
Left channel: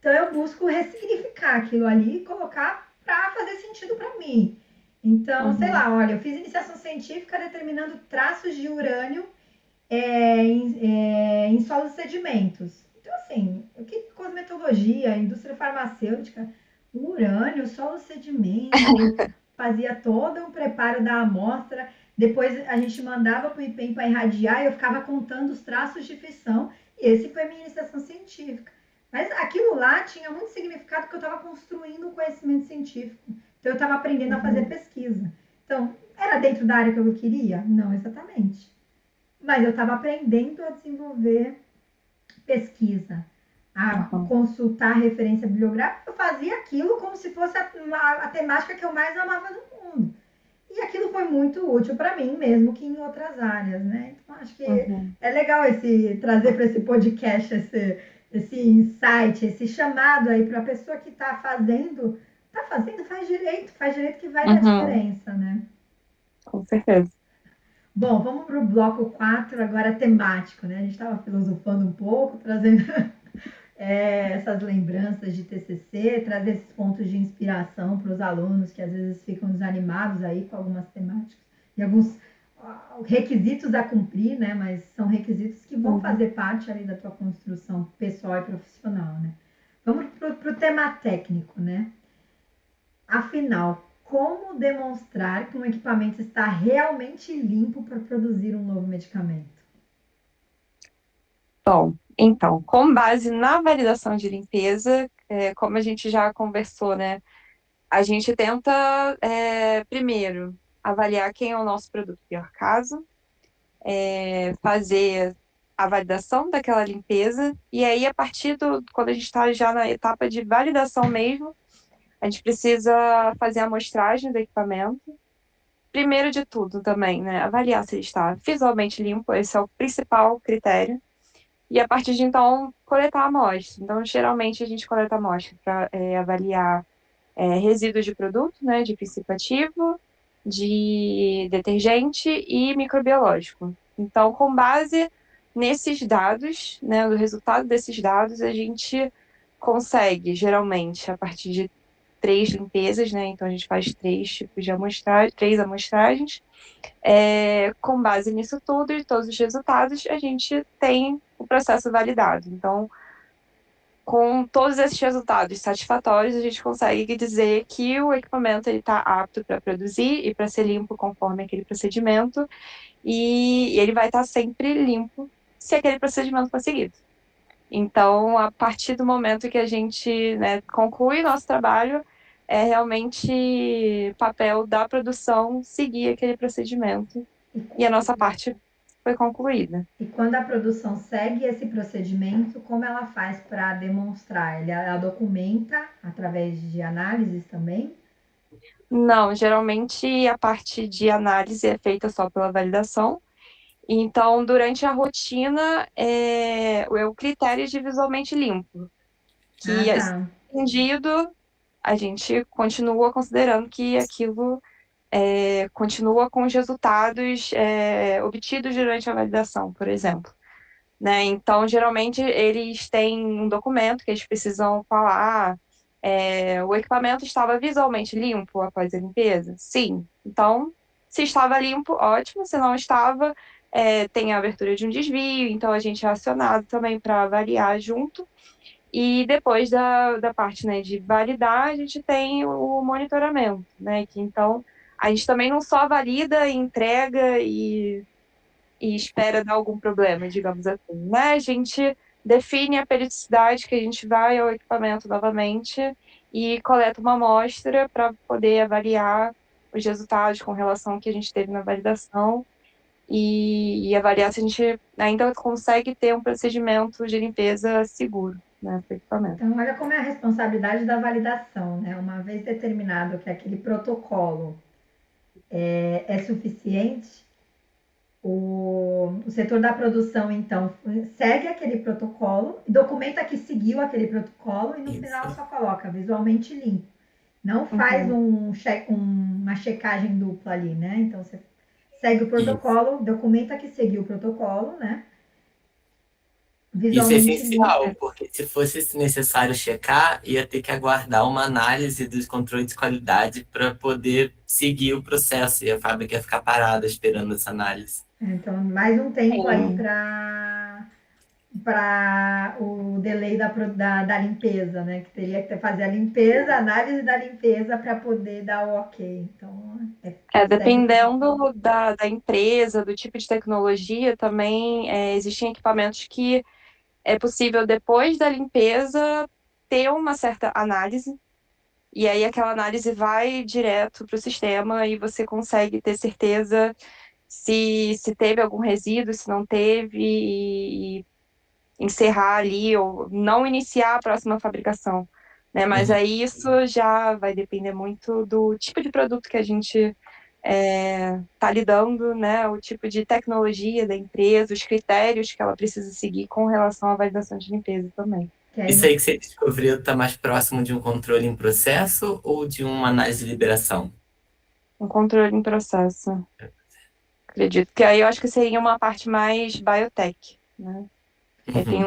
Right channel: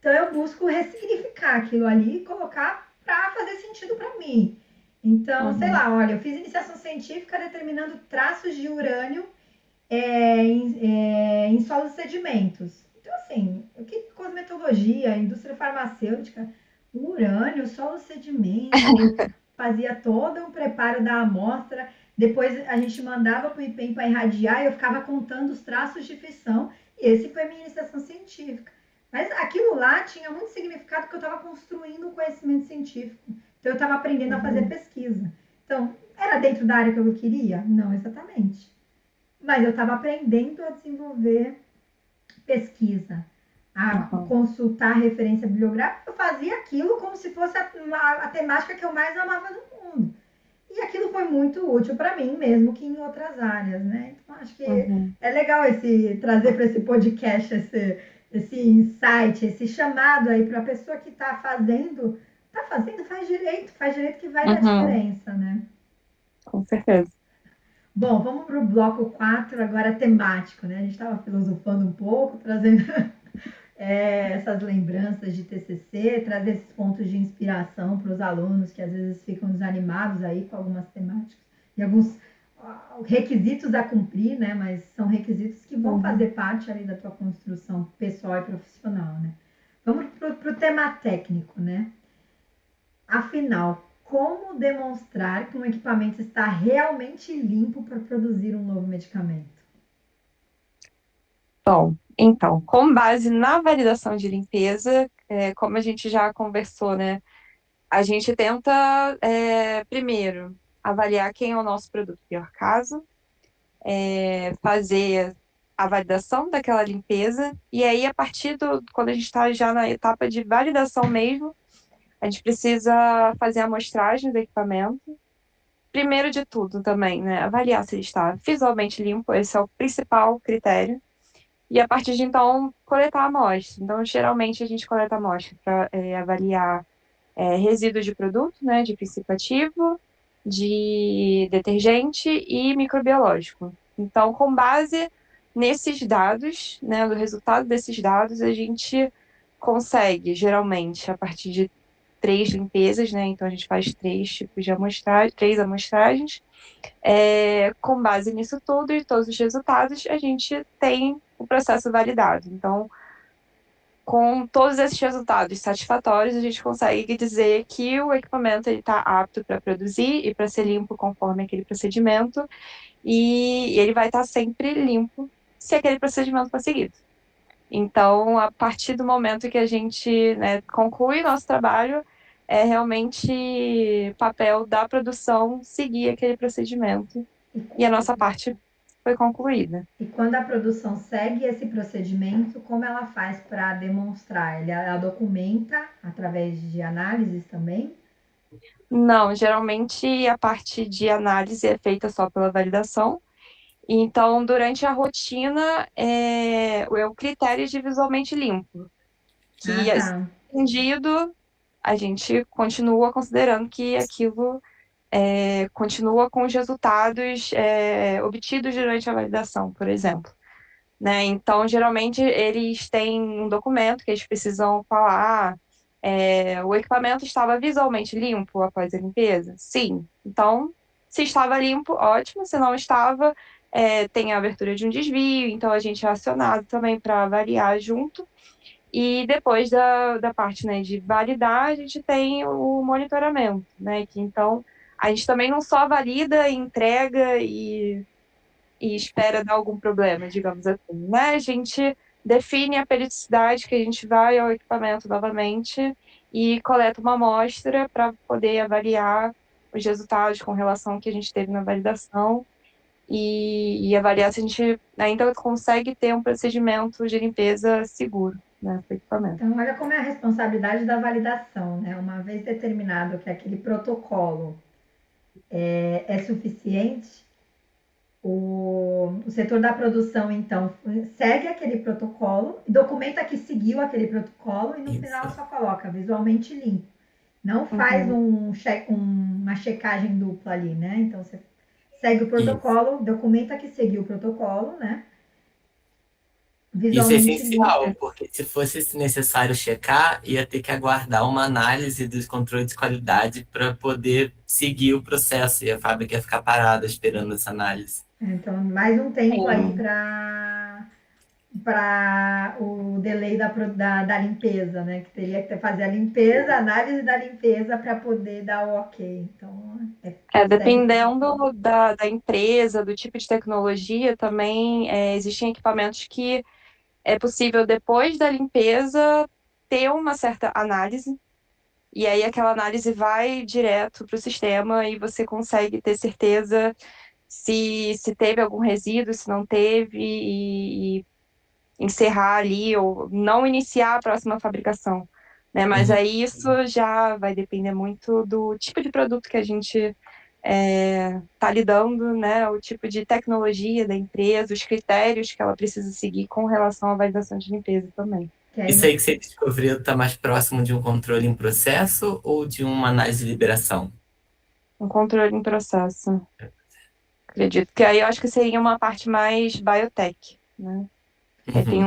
Então eu busco ressignificar aquilo ali e colocar para fazer sentido para mim. Então, sei lá, olha, eu fiz iniciação científica determinando traços de urânio em solos e sedimentos. Então, assim, o que cosmetologia, indústria farmacêutica, o urânio, solo sedimento, fazia todo um preparo da amostra. Depois a gente mandava para o IPEM para irradiar e eu ficava contando os traços de fissão. E esse foi a minha iniciação científica. Mas aquilo lá tinha muito significado porque eu estava construindo um conhecimento científico. Então eu estava aprendendo a fazer pesquisa. Então, era dentro da área que eu queria? Não exatamente. Mas eu estava aprendendo a desenvolver pesquisa, a consultar referência bibliográfica. Eu fazia aquilo como se fosse a temática que eu mais amava no mundo. E aquilo foi muito útil para mim, mesmo que em outras áreas, né? Então, acho que é legal trazer para esse podcast esse insight, esse chamado aí para a pessoa que está fazendo, faz direito que vai dar diferença, né? Com certeza. Bom, vamos para o bloco 4, agora temático, né? A gente estava filosofando um pouco, trazendo essas lembranças de TCC, trazer esses pontos de inspiração para os alunos que às vezes ficam desanimados aí com algumas temáticas e alguns requisitos a cumprir, né? Mas são requisitos que vão fazer parte ali da tua construção pessoal e profissional, né? Vamos para o tema técnico, né? Afinal, como demonstrar que um equipamento está realmente limpo para produzir um novo medicamento? Bom, então, com base na validação de limpeza, como a gente já conversou, né? A gente tenta, primeiro, avaliar quem é o nosso produto pior caso, fazer a validação daquela limpeza, e aí a partir quando a gente está já na etapa de validação mesmo, a gente precisa fazer a amostragem do equipamento. Primeiro de tudo também, né, avaliar se ele está visualmente limpo, esse é o principal critério. E a partir de então, coletar a amostra. Então, geralmente a gente coleta a amostra para avaliar resíduos de produto, né, de princípio ativo, de detergente e microbiológico. Então, com base nesses dados, né, do resultado desses dados, a gente consegue, geralmente, a partir de 3 limpezas, né? Então a gente faz 3 tipos de amostragem, 3 amostragens. Com base nisso tudo e todos os resultados, a gente tem o processo validado. Então, com todos esses resultados satisfatórios, a gente consegue dizer que o equipamento está apto para produzir e para ser limpo conforme aquele procedimento, e ele vai estar sempre limpo se aquele procedimento for seguido. Então, a partir do momento que a gente, né, conclui nosso trabalho, é realmente papel da produção seguir aquele procedimento. E a nossa parte foi concluída. E quando a produção segue esse procedimento, como ela faz para demonstrar? Ela documenta através de análises também? Não, geralmente a parte de análise é feita só pela validação. Então, durante a rotina, é o critério de visualmente limpo, que Tá. atendido, a gente continua considerando que aquilo continua com os resultados obtidos durante a validação, por exemplo. Né? Então, geralmente, eles têm um documento que eles precisam falar. O equipamento estava visualmente limpo após a limpeza? Sim. Então, se estava limpo, ótimo. Se não estava, tem a abertura de um desvio. Então, a gente é acionado também para avaliar junto. E depois da parte, né, de validar, a gente tem o monitoramento, né? Que então a gente também não só valida, entrega e espera dar algum problema, digamos assim, né? A gente define a periodicidade que a gente vai ao equipamento novamente e coleta uma amostra para poder avaliar os resultados com relação ao que a gente teve na validação e avaliar se a gente ainda consegue ter um procedimento de limpeza seguro, né, para o equipamento. Então, olha como é a responsabilidade da validação, né? Uma vez determinado que aquele protocolo é suficiente, o setor da produção, então, segue aquele protocolo, documenta que seguiu aquele protocolo e no final só coloca visualmente limpo. Não faz uma checagem dupla ali, né? Então, você segue o protocolo, documenta que seguiu o protocolo, né? Isso é Visualmente essencial, limpo. porque se fosse necessário checar, ia ter que aguardar uma análise dos controles de qualidade para poder seguir o processo, e a fábrica ia ficar parada esperando essa análise. Então, mais um tempo aí para o delay da limpeza, né? Que teria que fazer a limpeza, a análise da limpeza para poder dar o ok. Então, dependendo da empresa, do tipo de tecnologia, também existem equipamentos que é possível, depois da limpeza, ter uma certa análise, e aí aquela análise vai direto para o sistema e você consegue ter certeza se teve algum resíduo, se não teve, e encerrar ali ou não iniciar a próxima fabricação. Né? Mas aí isso já vai depender muito do tipo de produto que a gente está lidando, né? O tipo de tecnologia da empresa, os critérios que ela precisa seguir com relação à validação de limpeza também. Isso aí que você descobriu está mais próximo de um controle em processo ou de uma análise de liberação? Um controle em processo. Acredito que aí eu acho que seria uma parte mais biotech, né? Tem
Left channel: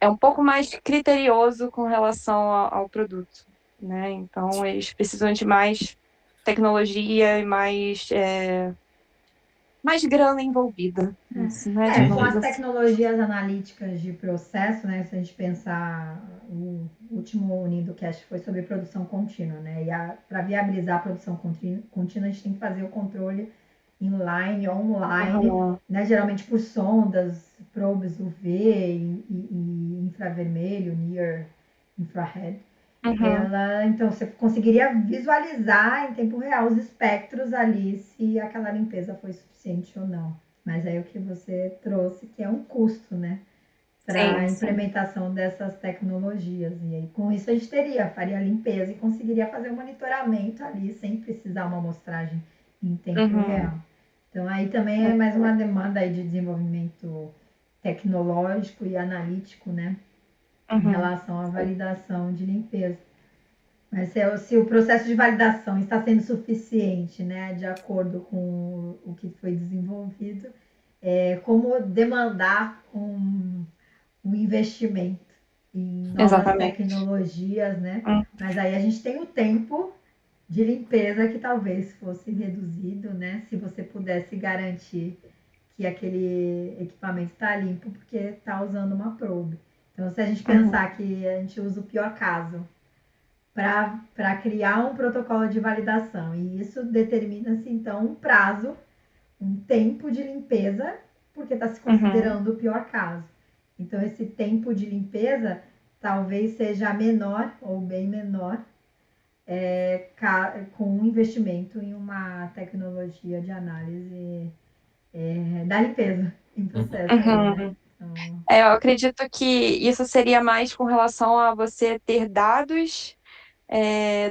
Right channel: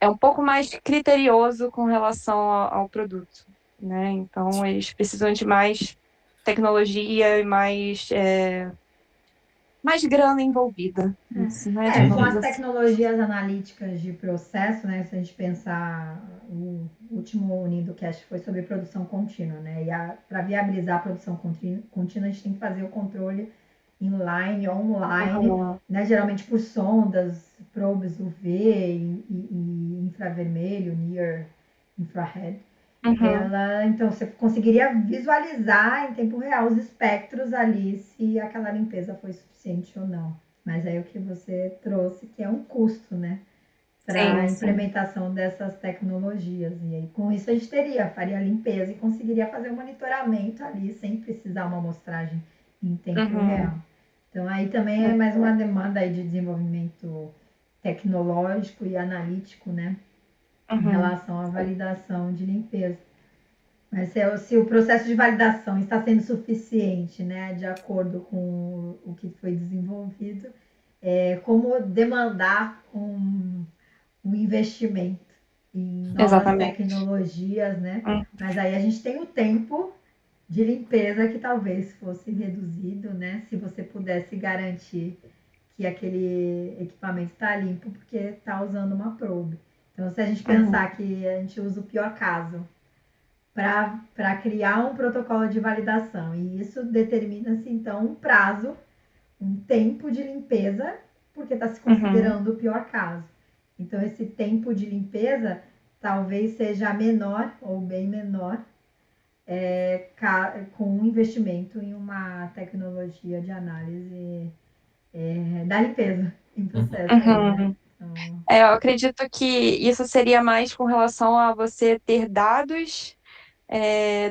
é um pouco mais criterioso com relação ao produto, né? Então, eles precisam de mais tecnologia e mais grana envolvida. Isso, né? Com as tecnologias analíticas de processo, né? Se a gente pensar, o último UnidoCast foi sobre produção contínua, né? E para viabilizar a produção contínua, a gente tem que fazer o controle inline, online, né? Geralmente por sondas, probes UV e infravermelho, near infrared. Então, você conseguiria visualizar em tempo real os espectros ali, se aquela limpeza foi suficiente ou não. Mas aí o que você trouxe, que é um custo, né? Para a Sim, sim. implementação dessas tecnologias. E aí, com isso, a gente faria a limpeza e conseguiria fazer o monitoramento ali, sem precisar uma amostragem em tempo real. Então, aí também é mais uma demanda aí de desenvolvimento tecnológico e analítico, né? Em relação à validação de limpeza. Mas se o processo de validação está sendo suficiente, né, de acordo com o que foi desenvolvido, como demandar um investimento em novas tecnologias, né? Mas aí a gente tem o tempo de limpeza que talvez fosse reduzido, né? Se você pudesse garantir que aquele equipamento está limpo porque está usando uma probe. Então, se a gente pensar que a gente usa o pior caso para criar um protocolo de validação, e isso determina-se, então, um prazo, um tempo de limpeza, porque está se considerando o pior caso. Então, esse tempo de limpeza talvez seja menor ou bem menor com um investimento em uma tecnologia de análise da limpeza em processo. Né? Então... eu acredito que isso seria mais com relação a você ter dados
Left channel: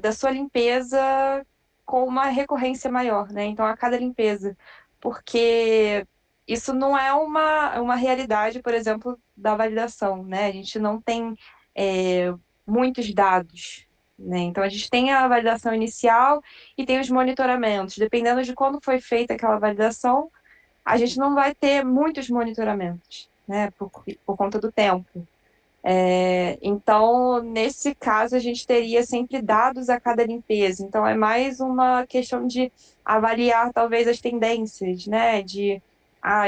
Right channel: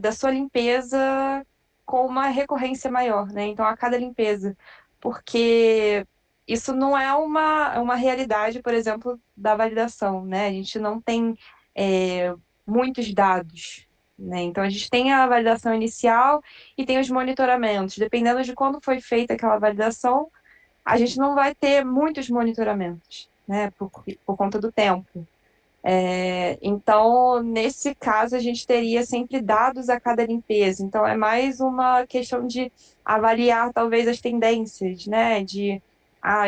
da sua limpeza com uma recorrência maior, né? Então, a cada limpeza. Porque isso não é uma realidade, por exemplo, da validação, né? A gente não tem muitos dados, né? Então, a gente tem a validação inicial e tem os monitoramentos. Dependendo de quando foi feita aquela validação, a gente não vai ter muitos monitoramentos, né? Por conta do tempo. Então, nesse caso, a gente teria sempre dados a cada limpeza. Então, é mais uma questão de avaliar, talvez, as tendências, né?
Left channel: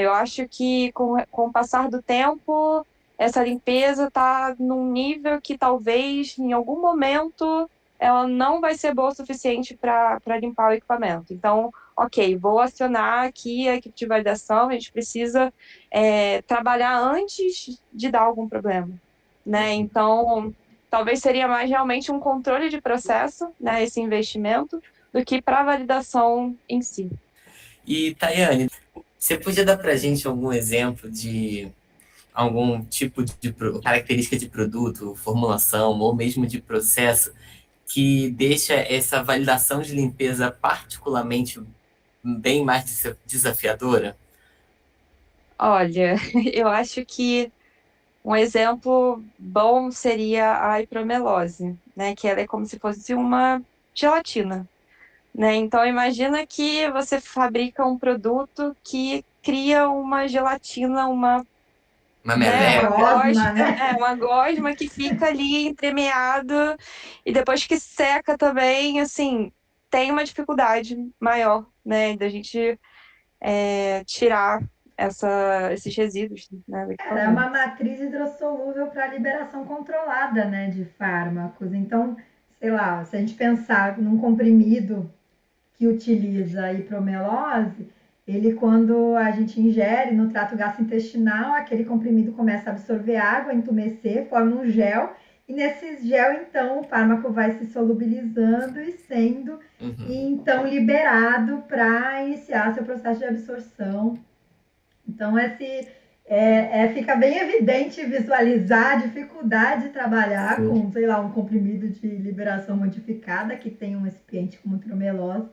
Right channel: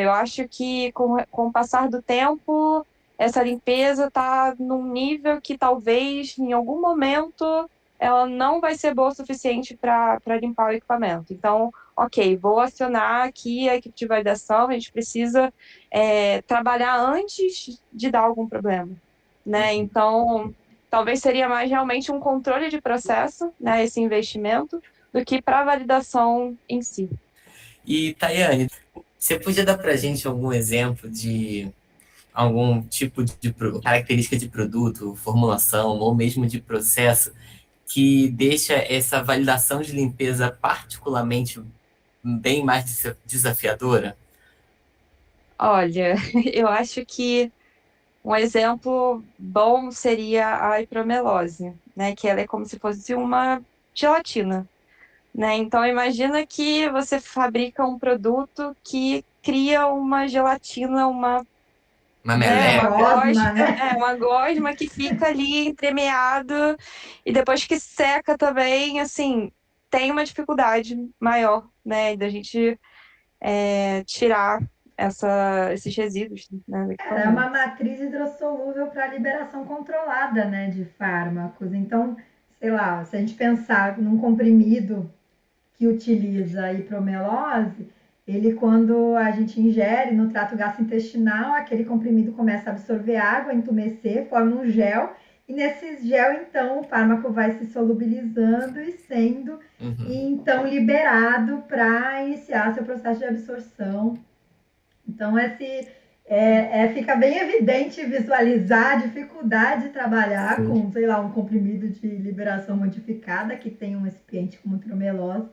Eu acho que com o passar do tempo, essa limpeza está num nível que talvez, em algum momento, ela não vai ser boa o suficiente para limpar o equipamento. Então, ok, vou acionar aqui a equipe de validação, a gente precisa trabalhar antes de dar algum problema. Né? Então, talvez seria mais realmente um controle de processo, né, esse investimento, do que para a validação em si. E, Tayane, você podia dar para a gente algum exemplo de algum tipo de característica de produto, formulação ou mesmo de processo que deixa essa validação de limpeza particularmente bem mais desafiadora? Olha, eu acho que um exemplo bom seria a hipromelose, né? Que ela é como se fosse uma gelatina, né? Então imagina que você fabrica um produto que cria uma gelatina, uma gosma, né? Uma gosma que fica ali entremeado e depois que seca também, assim, tem uma dificuldade maior, né? Da gente tirar esses resíduos, né? É uma matriz hidrossolúvel para liberação controlada, né, de fármacos. Então, sei lá, se a gente pensar num comprimido que utiliza a hipromelose, ele, quando a gente ingere no trato gastrointestinal, aquele comprimido começa a absorver água, entumecer, forma um gel, e nesse gel, então, o fármaco vai se solubilizando e sendo, então, liberado para iniciar seu processo de absorção. Então, fica bem evidente visualizar a dificuldade de trabalhar com, sei lá, um comprimido de liberação modificada que tem um excipiente como hipromelose,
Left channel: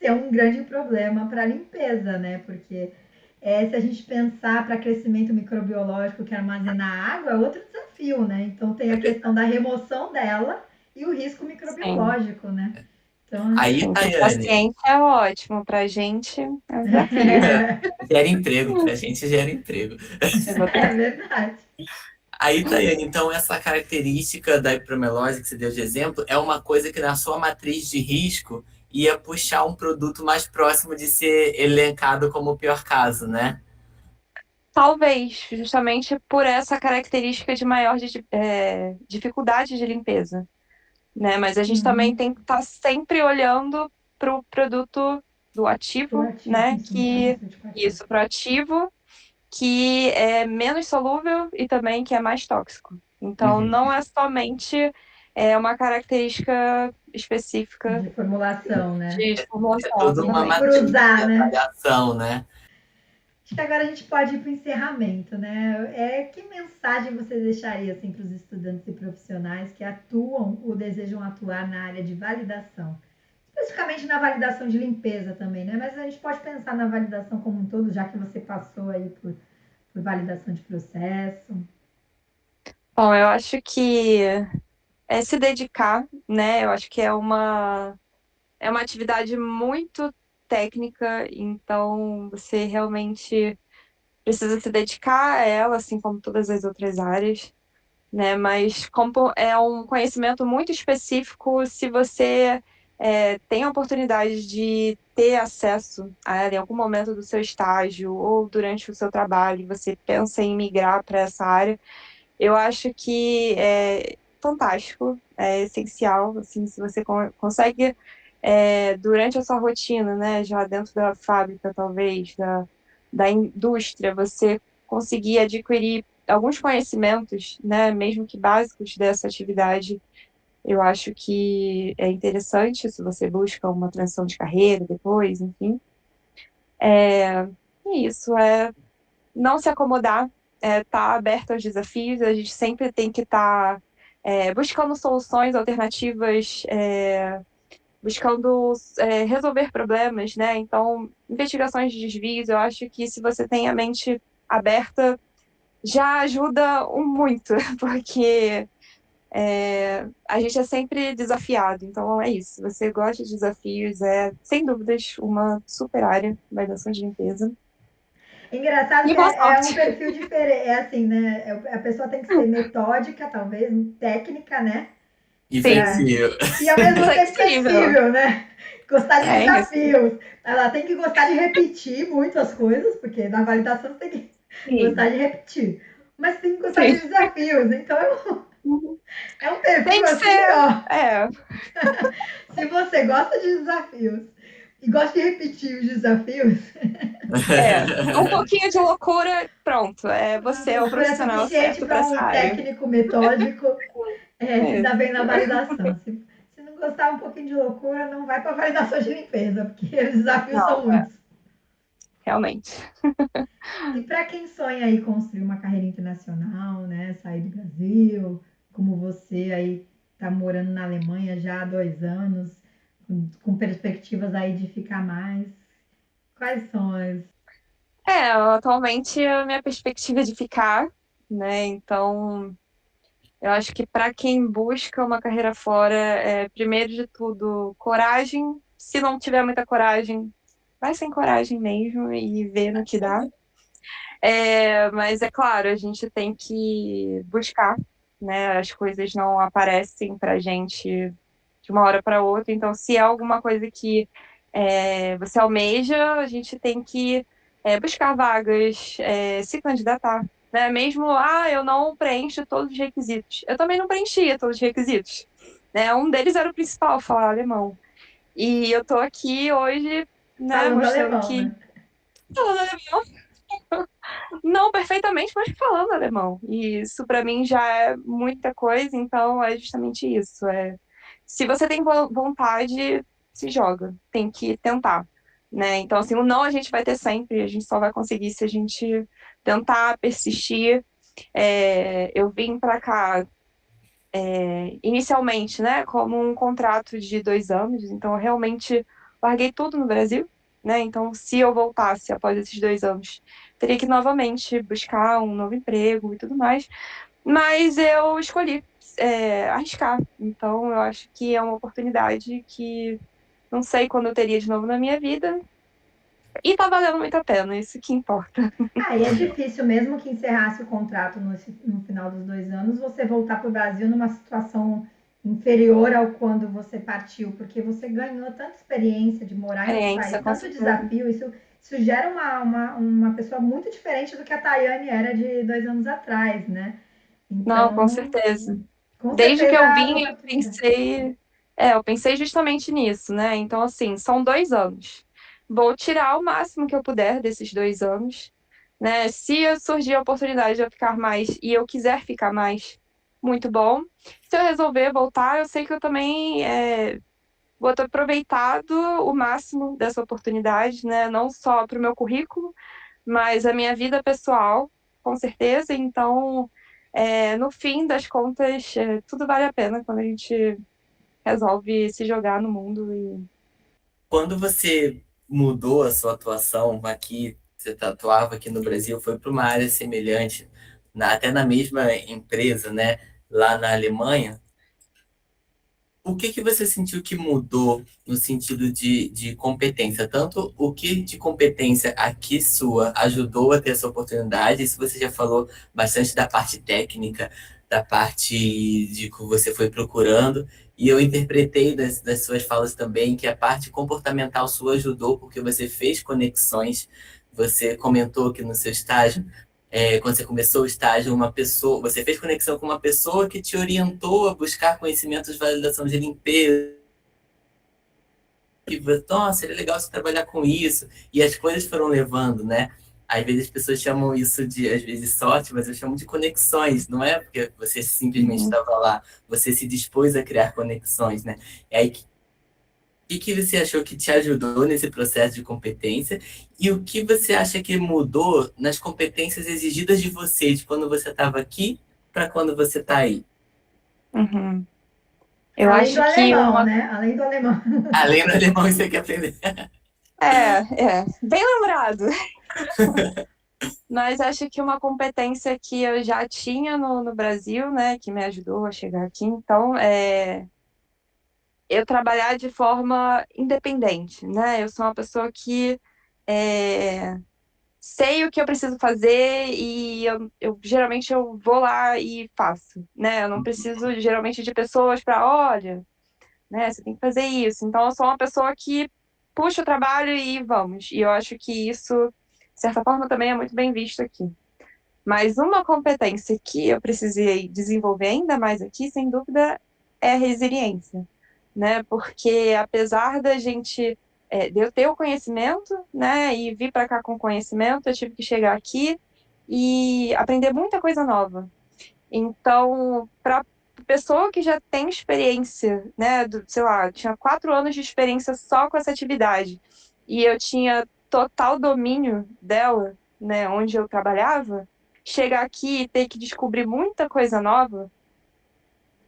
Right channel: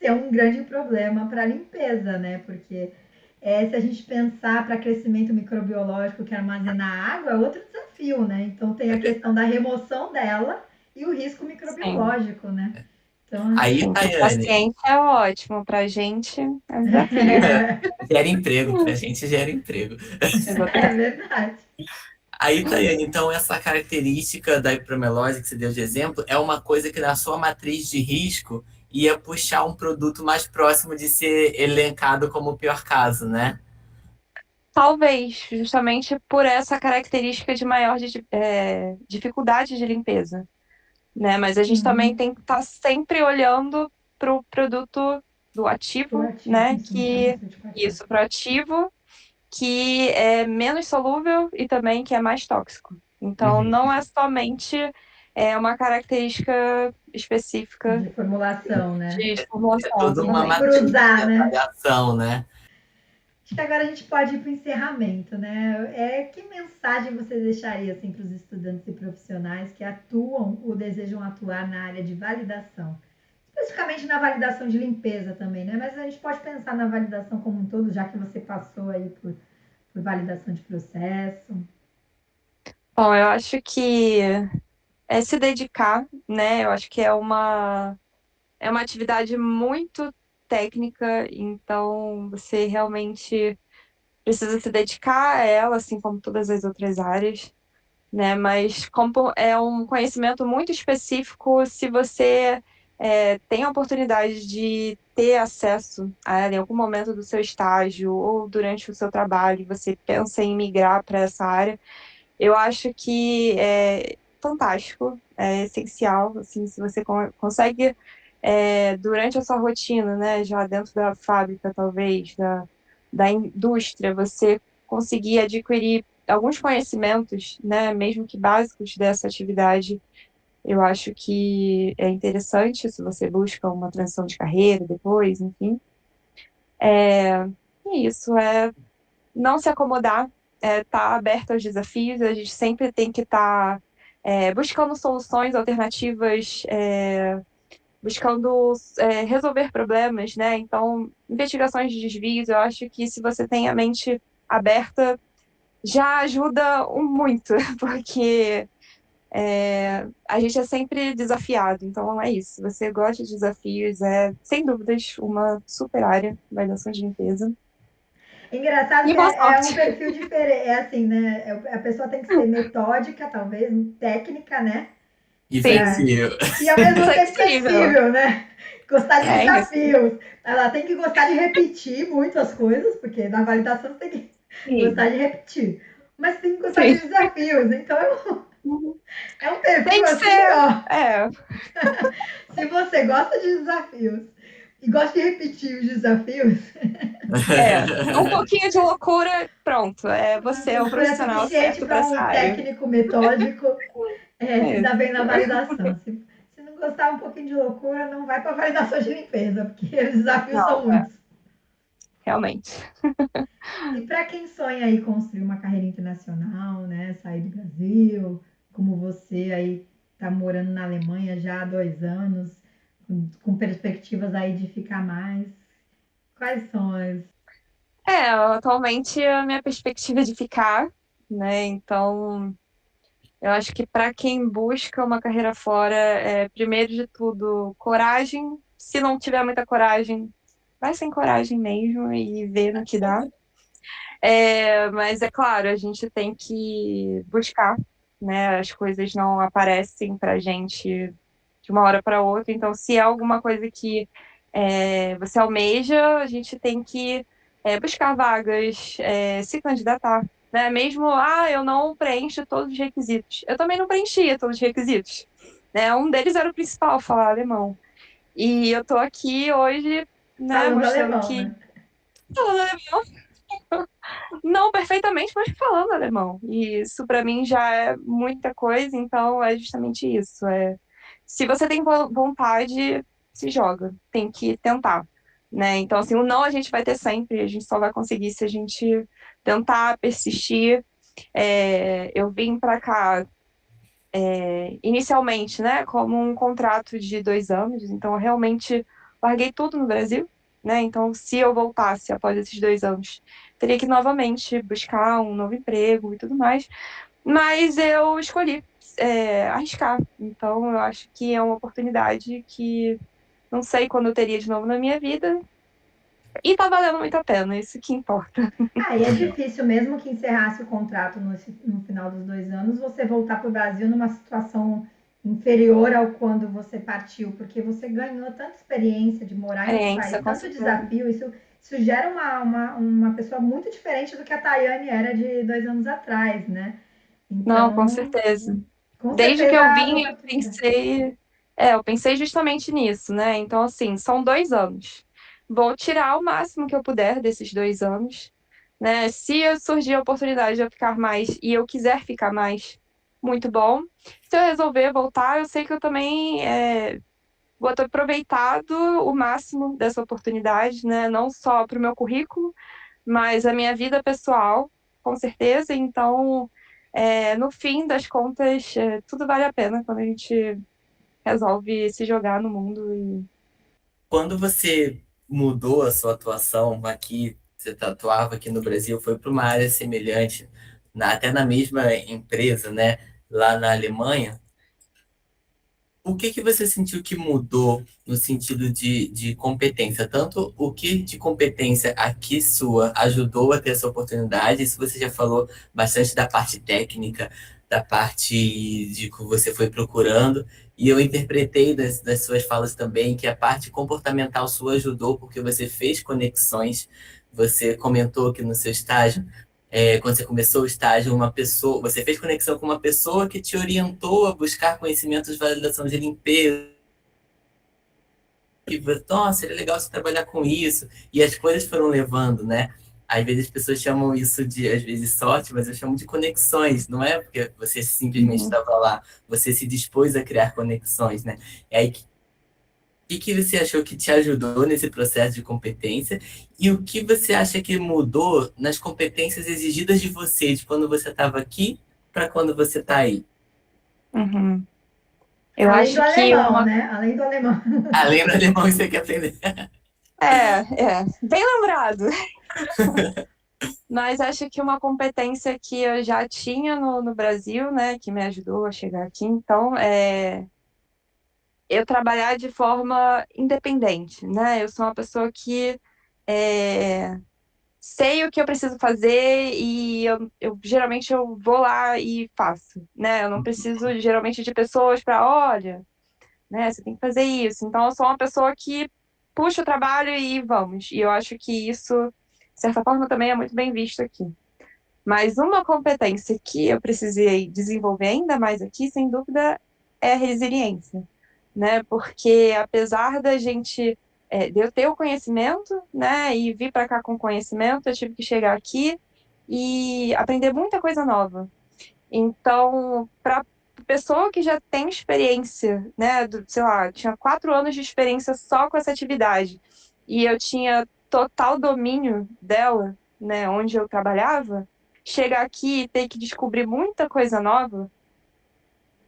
ser um grande problema para a limpeza, né? Porque se a gente pensar para crescimento microbiológico que armazenar água, é outro desafio, né? Então tem a questão da remoção dela e o risco microbiológico, né? Então, aí, o paciente é ótimo, para a gente é um desafio. Gera emprego, para a gente gera emprego. É verdade. Aí, Tayane, então essa característica da hipromelose que você deu de exemplo é uma coisa que na sua matriz de risco ia puxar um produto mais próximo de ser elencado como o pior caso, né? Talvez, justamente por essa característica de maior dificuldade de limpeza, né? Mas a gente também tem que estar sempre olhando para o produto do ativo, né? Pro ativo, que é menos solúvel e também que é mais tóxico. Então, não é somente uma característica específica de formulação, né? De formulação, toda uma cruzar, né? avaliação, né? Acho que agora a gente pode ir para o encerramento, né? Que mensagem você deixaria assim, para os estudantes e profissionais que atuam ou desejam atuar na área de validação? Especificamente na validação de limpeza também, né? Mas a gente pode pensar na validação como um todo, já que você passou aí por validação de processo. Bom, eu acho que é se dedicar, né? Eu acho que é uma atividade muito técnica, então você realmente precisa se dedicar a ela, assim como todas as outras áreas, né? Mas como é um conhecimento muito específico, se você tem a oportunidade de ter acesso a ela em algum momento do seu estágio ou durante o seu trabalho, você pensa em migrar para essa área, eu acho que é fantástico, é essencial, assim, se você consegue, durante a sua rotina, né, já dentro da fábrica, talvez, da indústria, você conseguir adquirir alguns conhecimentos, né, mesmo que básicos dessa atividade, eu acho que é interessante se você busca uma transição de carreira depois, enfim. E isso é não se acomodar, tá aberto aos desafios, a gente sempre tem que estar buscando soluções alternativas, buscando resolver problemas, né? Então, investigações de desvios, eu acho que se você tem a mente aberta, já ajuda muito, porque a gente é sempre desafiado. Então, é isso. Se você gosta de desafios, é, sem dúvidas, uma super área, avaliação de limpeza. Engraçado E que boa é um sorte! perfil diferente. É assim, né? A pessoa tem que ser metódica, talvez, técnica, né? E Sim, flexível. E ao mesmo tempo flexível. flexível, né? Gostar de É isso. desafios. Ela tem que gostar de repetir muito as coisas, porque na validação você tem que Sim, gostar de repetir. Mas tem que gostar de sim. desafios. Então é um Tem perfil que assim, ser. ó. É, Se você gosta de desafios e gosta de repetir os desafios, um pouquinho de loucura, pronto. Você é o loucura é profissional suficiente certo para para essa um área. técnico metódico se É dar bem na isso, validação. Se não gostar um pouquinho de loucura, não vai para validação de limpeza, porque os desafios não, são muitos. realmente. E para quem sonha aí construir uma carreira internacional, né, sair do Brasil, como você aí está morando na Alemanha já há 2 anos, com perspectivas aí de ficar mais, quais são as... Atualmente a minha perspectiva é de ficar, né? Então, eu acho que para quem busca uma carreira fora, primeiro de tudo, coragem. Se não tiver muita coragem, vai sem coragem mesmo e ver no que dá. Mas é claro, a gente tem que buscar, né? As coisas não aparecem pra gente de uma hora para outra. Então, se é alguma coisa que você almeja, a gente tem que buscar vagas, se candidatar. Né? Mesmo, eu não preencho todos os requisitos. Eu também não preenchia todos os requisitos. Né? Um deles era o principal, falar alemão. E eu tô aqui hoje, né, Falando mostrando alemão, que né? falando alemão, não perfeitamente, mas falando alemão. E isso para mim já é muita coisa, então é justamente isso. Se você tem vontade, se joga, tem que tentar, né? Então assim, o não a gente vai ter sempre, a gente só vai conseguir se a gente tentar persistir. Eu vim para cá inicialmente, né, como um contrato de 2 anos, então eu realmente larguei tudo no Brasil, né? Então, se eu voltasse após esses 2 anos, teria que novamente buscar um novo emprego e tudo mais. Mas eu escolhi arriscar. Então, eu acho que é uma oportunidade que não sei quando eu teria de novo na minha vida. E tá valendo muito a pena, isso que importa. E é difícil, mesmo que encerrasse o contrato no final dos 2 anos, você voltar para o Brasil numa situação inferior ao quando você partiu, porque você ganhou tanta experiência de morar em outro país, Experiência, com tanto certeza. desafio, isso gera uma pessoa muito diferente do que a Tayane era de 2 anos atrás, né? Não, com Então, certeza. com Desde que certeza eu as vim, oportunidades. eu pensei justamente nisso, né? Então, assim, são 2 anos. Vou tirar o máximo que eu puder desses 2 anos, né? Se surgir a oportunidade de eu ficar mais e eu quiser ficar mais, muito bom. Se eu resolver voltar, eu sei que eu também vou ter aproveitado o máximo dessa oportunidade, né? Não só para o meu currículo, mas a minha vida pessoal, com certeza. Então, no fim das contas, tudo vale a pena quando a gente resolve se jogar no mundo. Quando você mudou a sua atuação aqui, você atuava aqui no Brasil, foi para uma área semelhante, até na mesma empresa, né, lá na Alemanha, o que que você sentiu que mudou no sentido de competência? Tanto o que de competência aqui sua ajudou a ter essa oportunidade, isso você já falou bastante da parte técnica, da parte de que você foi procurando, e eu interpretei das suas falas também que a parte comportamental sua ajudou porque você fez conexões, você comentou que no seu estágio quando você começou o estágio, uma pessoa, você fez conexão com uma pessoa que te orientou a buscar conhecimentos de validação de limpeza. E você, nossa, seria legal você trabalhar com isso. E as coisas foram levando, né? Às vezes as pessoas chamam isso de, às vezes, sorte, mas eu chamo de conexões, não é porque você simplesmente Uhum. estava lá, você se dispôs a criar conexões, né? E aí, que você achou que te ajudou nesse processo de competência e o que você acha que mudou nas competências exigidas de você, de quando você estava aqui para quando você está aí? Uhum. Eu Além do acho que alemão, né? Além do alemão. Além do alemão, você quer aprender. bem lembrado. Mas acho que uma competência que eu já tinha no Brasil, né, que me ajudou a chegar aqui, então, eu trabalhar de forma independente, né? Eu sou uma pessoa que é, sei o que eu preciso fazer e geralmente eu vou lá e faço, né? Eu não preciso geralmente de pessoas para, olha, né, você tem que fazer isso. Então eu sou uma pessoa que puxa o trabalho e vamos. E eu acho que isso, de certa forma, também é muito bem visto aqui. Mas uma competência que eu precisei desenvolver ainda mais aqui, sem dúvida, é a resiliência, né? Porque apesar da gente, de eu ter o conhecimento, né, e vir para cá com conhecimento, eu tive que chegar aqui e aprender muita coisa nova. Então, para pessoa que já tem experiência, né, sei lá, tinha 4 anos de experiência só com essa atividade, e eu tinha total domínio dela, né, onde eu trabalhava, chegar aqui e ter que descobrir muita coisa nova,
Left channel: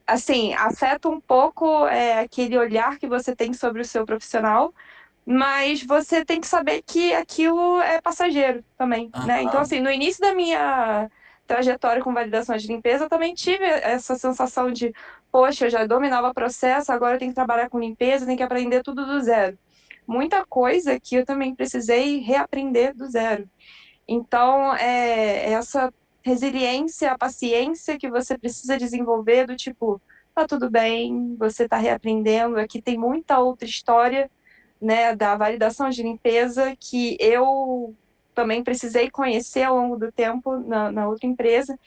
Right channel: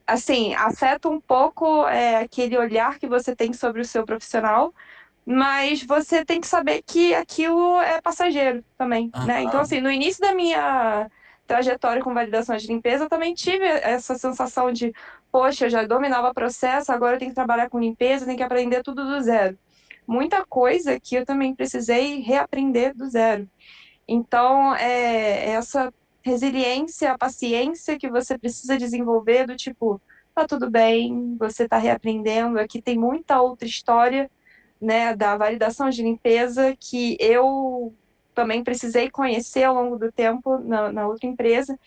assim, afeta um pouco aquele olhar que você tem sobre o seu profissional, mas você tem que saber que aquilo é passageiro também, né? Então, Aham. assim, no início da minha trajetória com validação de limpeza, eu também tive essa sensação de, poxa, eu já dominava o processo, agora eu tenho que trabalhar com limpeza, tenho que aprender tudo do zero. Muita coisa que eu também precisei reaprender do zero. Então, essa resiliência, a paciência que você precisa desenvolver do tipo, tá tudo bem, você está reaprendendo, aqui tem muita outra história, né, da validação de limpeza que eu também precisei conhecer ao longo do tempo na outra empresa.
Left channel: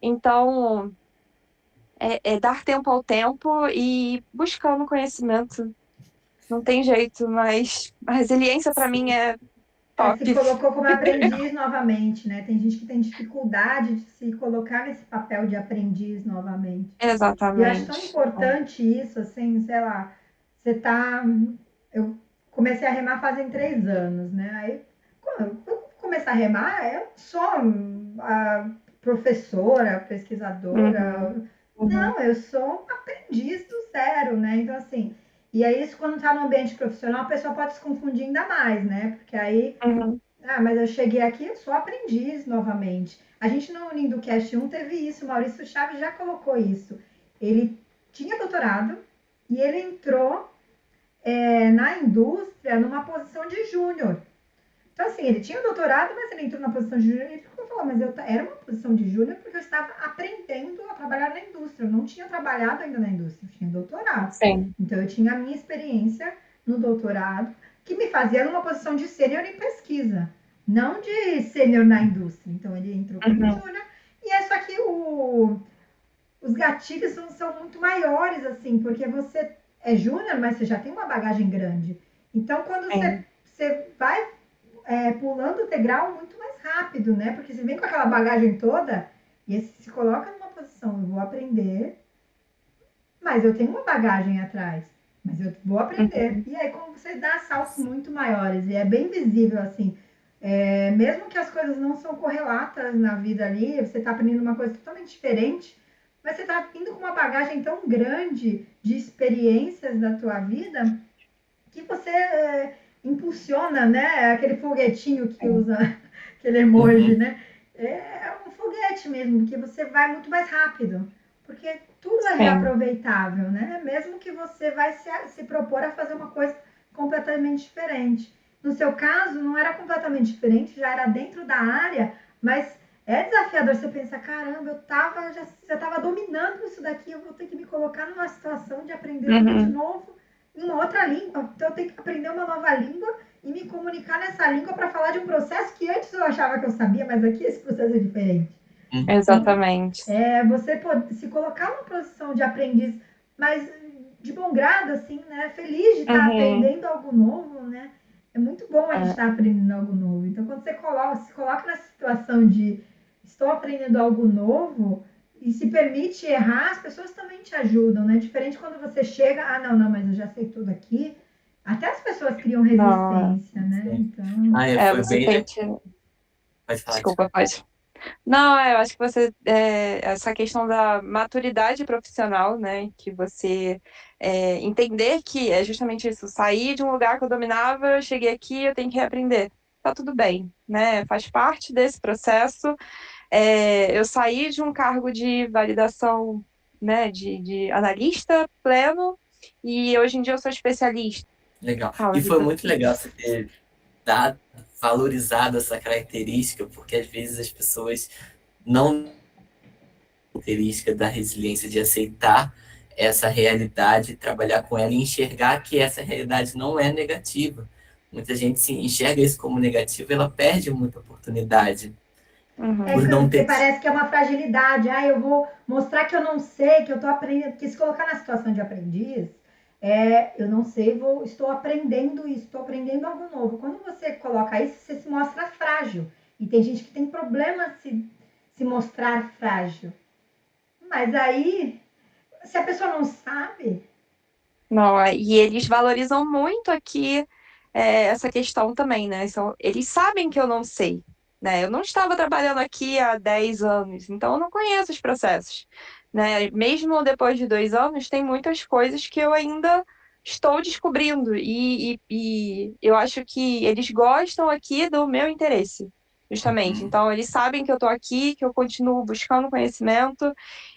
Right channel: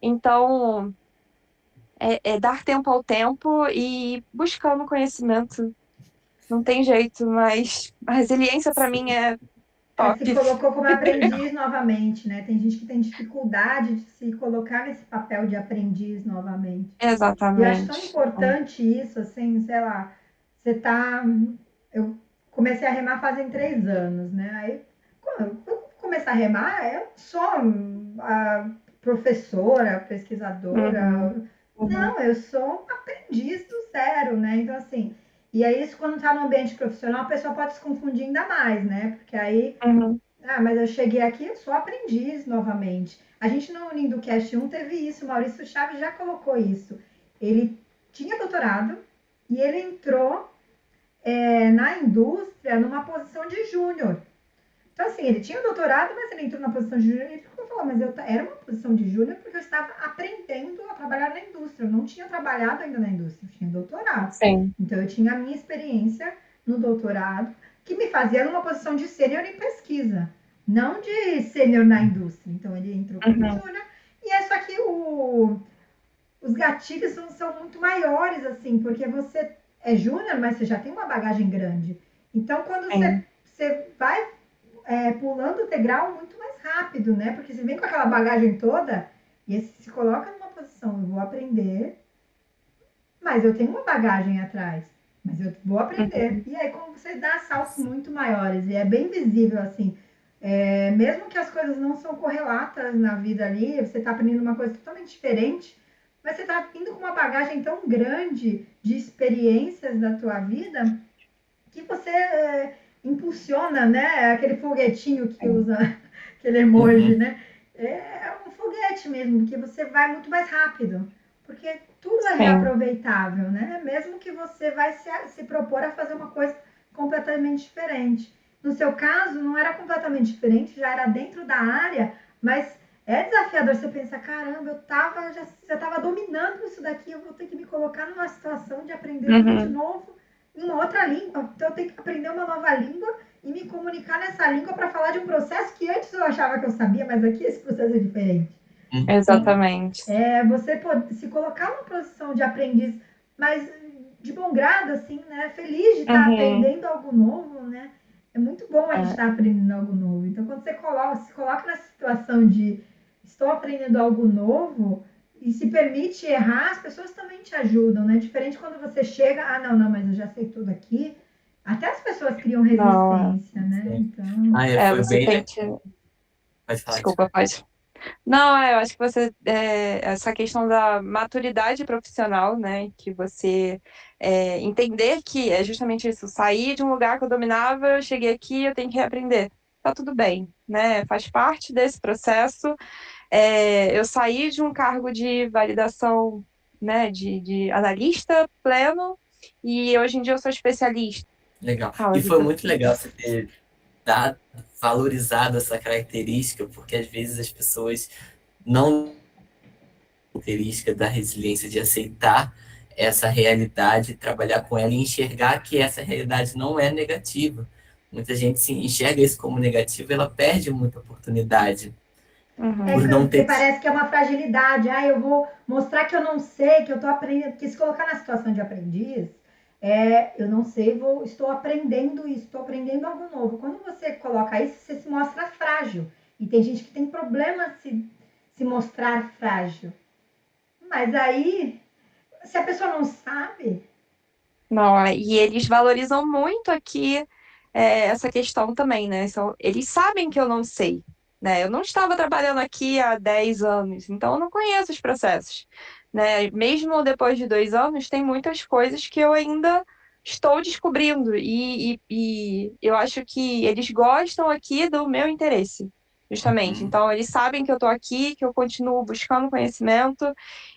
Então, é dar tempo ao tempo e buscando conhecimento. Não tem jeito, mas a resiliência para mim é Se top. colocou como aprendiz novamente, né? Tem gente que tem dificuldade de se colocar nesse papel de aprendiz novamente. E eu acho tão Exatamente. importante isso, assim, sei lá, você tá. Eu comecei a remar fazem 3 anos, né? Aí, quando eu começar a remar, eu sou a professora, pesquisadora. Uhum, uhum, Não, eu sou um aprendiz do zero, né? Então, assim, e aí isso quando tá no ambiente profissional, a pessoa pode se confundir ainda mais, né? Porque aí, uhum, mas eu cheguei aqui, eu sou aprendiz novamente. A gente no Lindocast 1 teve isso, o Maurício Chaves já colocou isso. Ele tinha doutorado e ele entrou na indústria numa posição de júnior. Então, assim, ele tinha doutorado, mas ele entrou na posição de júnior e ele falou, mas eu era uma posição de júnior porque eu estava aprendendo a trabalhar na indústria. Eu não tinha trabalhado ainda na indústria, eu tinha doutorado. sim. Então, eu tinha a minha experiência no doutorado, que me fazia numa posição de sênior em pesquisa, não de sênior na indústria. Então, ele entrou como Uhum, júnior, e é só que os gatilhos são muito maiores, assim, porque você é júnior, mas você já tem uma bagagem grande. Então, quando sim. você vai pulando o degrau muito mais rápido, né? Porque você vem com aquela bagagem toda e se coloca numa posição, eu vou aprender, mas eu tenho uma bagagem atrás, mas eu vou aprender. Uhum, E aí, como você dá saltos muito maiores, e é bem visível, assim, Mesmo que as coisas não são correlatas na vida ali, você está aprendendo uma coisa totalmente diferente, mas você está indo com uma bagagem tão grande de experiências da tua vida que você impulsiona, né? Aquele foguetinho que usa, aquele emoji, né? É um foguete mesmo, que você vai muito mais rápido, porque tudo é reaproveitável, né? Mesmo que você vai se propor a fazer uma coisa completamente diferente. No seu caso, não era completamente diferente, já era dentro da área, mas é desafiador você pensar, caramba, já estava dominando isso daqui, eu vou ter que me colocar numa situação de aprender tudo de novo em uma outra língua. Então eu tenho que aprender uma nova língua e me comunicar nessa língua para falar de um processo que antes eu achava que eu sabia, mas aqui esse processo é diferente. Exatamente. Então, você pode se colocar numa posição de aprendiz, mas de bom grado, assim, né? Feliz de estar aprendendo algo novo, né? É muito bom a gente estar aprendendo algo novo. Então, quando você se coloca nessa situação de estou aprendendo algo novo e se permite errar, as pessoas também te ajudam, né? Diferente quando você chega, não, mas eu já sei tudo aqui. Até as pessoas criam resistência, né? Então. Foi você bem. tem que. Pode falar, Desculpa, pode. Não, eu acho que você essa questão da maturidade profissional, né, que você entender que é justamente isso, sair de um lugar que eu dominava, eu cheguei aqui, eu tenho que reaprender. Tá tudo bem, né? Faz parte desse processo. Eu saí de um cargo de validação, né, de analista pleno, e hoje em dia eu sou especialista. Legal. Fala, E foi Vitor. muito legal você ter valorizado essa característica, porque às vezes as pessoas não característica da resiliência de aceitar essa realidade, trabalhar com ela e enxergar que essa realidade não é negativa. Muita gente se enxerga isso como negativo, ela perde muita oportunidade por não Porque ter. parece que é uma fragilidade. Eu vou mostrar que eu não sei, que eu estou aprendendo. Porque se colocar na situação de aprendiz, eu não sei, estou aprendendo isso, estou aprendendo algo novo. Quando você coloca isso, você se mostra frágil. E tem gente que tem problema se mostrar frágil. Mas aí, se a pessoa não sabe. Não, e eles valorizam muito aqui essa questão também, né? Eles sabem que eu não sei, né? Eu não estava trabalhando aqui há 10 anos, então eu não conheço os processos, né? Mesmo depois de 2 anos, tem muitas coisas que eu ainda estou descobrindo e eu acho que eles gostam aqui do meu interesse, justamente. Então, eles sabem que eu estou aqui, que eu continuo buscando conhecimento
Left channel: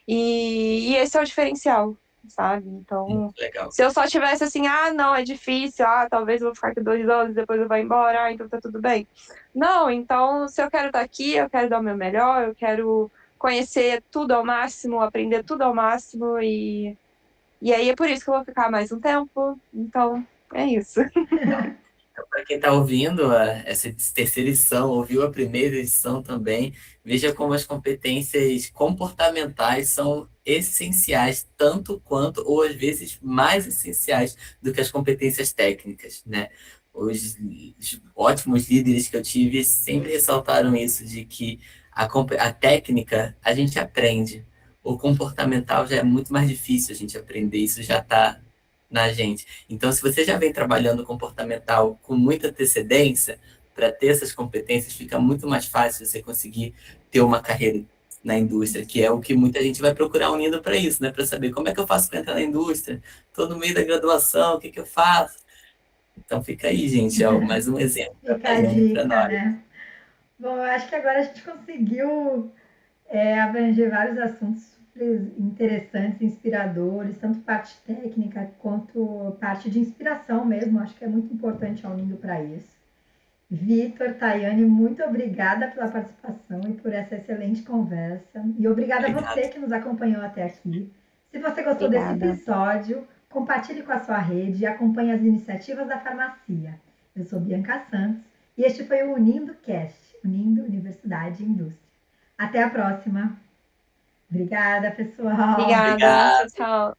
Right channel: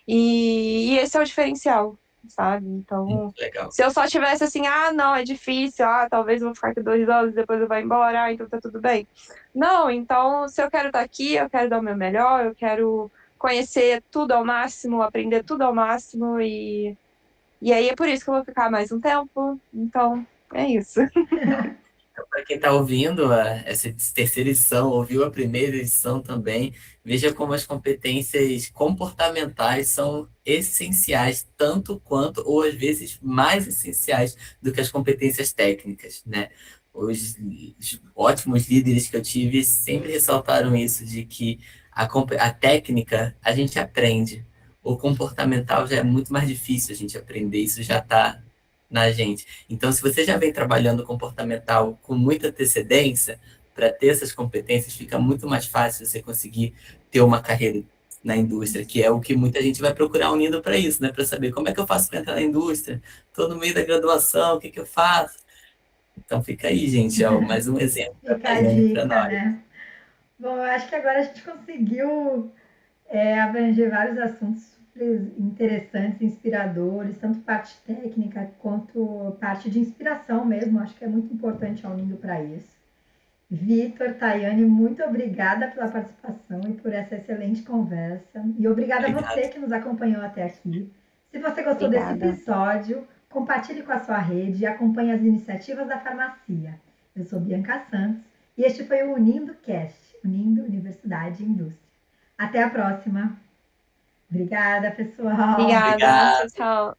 e esse é o diferencial, sabe? Então, Legal. se eu só tivesse assim, não, é difícil, talvez eu vou ficar aqui 2 anos, depois eu vou embora, então tá tudo bem. Não, então, se eu quero estar aqui, eu quero dar o meu melhor, eu quero conhecer tudo ao máximo, aprender tudo ao máximo, e aí é por isso que eu vou ficar mais um tempo. Então, é isso. Então, para quem está ouvindo essa terceira edição, ouviu a primeira edição também, veja como as competências comportamentais são essenciais, tanto quanto, ou às vezes mais essenciais do que as competências técnicas, né? Os ótimos líderes que eu tive sempre ressaltaram isso, de que a técnica a gente aprende, o comportamental já é muito mais difícil a gente aprender, isso já está na gente. Então, se você já vem trabalhando comportamental com muita antecedência, para ter essas competências, fica muito mais fácil você conseguir ter uma carreira na indústria, que é o que muita gente vai procurar unindo para isso, né? Para saber como é que eu faço para entrar na indústria, estou no meio da graduação, o que eu faço? Então, fica aí, gente, mais um exemplo da Fica a Tayane para dica, nós. né? Bom, eu acho que agora a gente conseguiu abranger vários assuntos super interessantes, inspiradores, tanto parte técnica quanto parte de inspiração mesmo. Acho que é muito importante a Unindo para isso. Vitor, Tayane, muito obrigada pela participação e por essa excelente conversa. E obrigada a você que nos acompanhou até aqui. Se você gostou desse episódio, compartilhe com a sua rede e acompanhe as iniciativas da farmácia. Eu sou Bianca Santos e este foi o Unindo Cast, Unindo Universidade e Indústria. Até a próxima. Obrigada, pessoal. Obrigada. Tchau.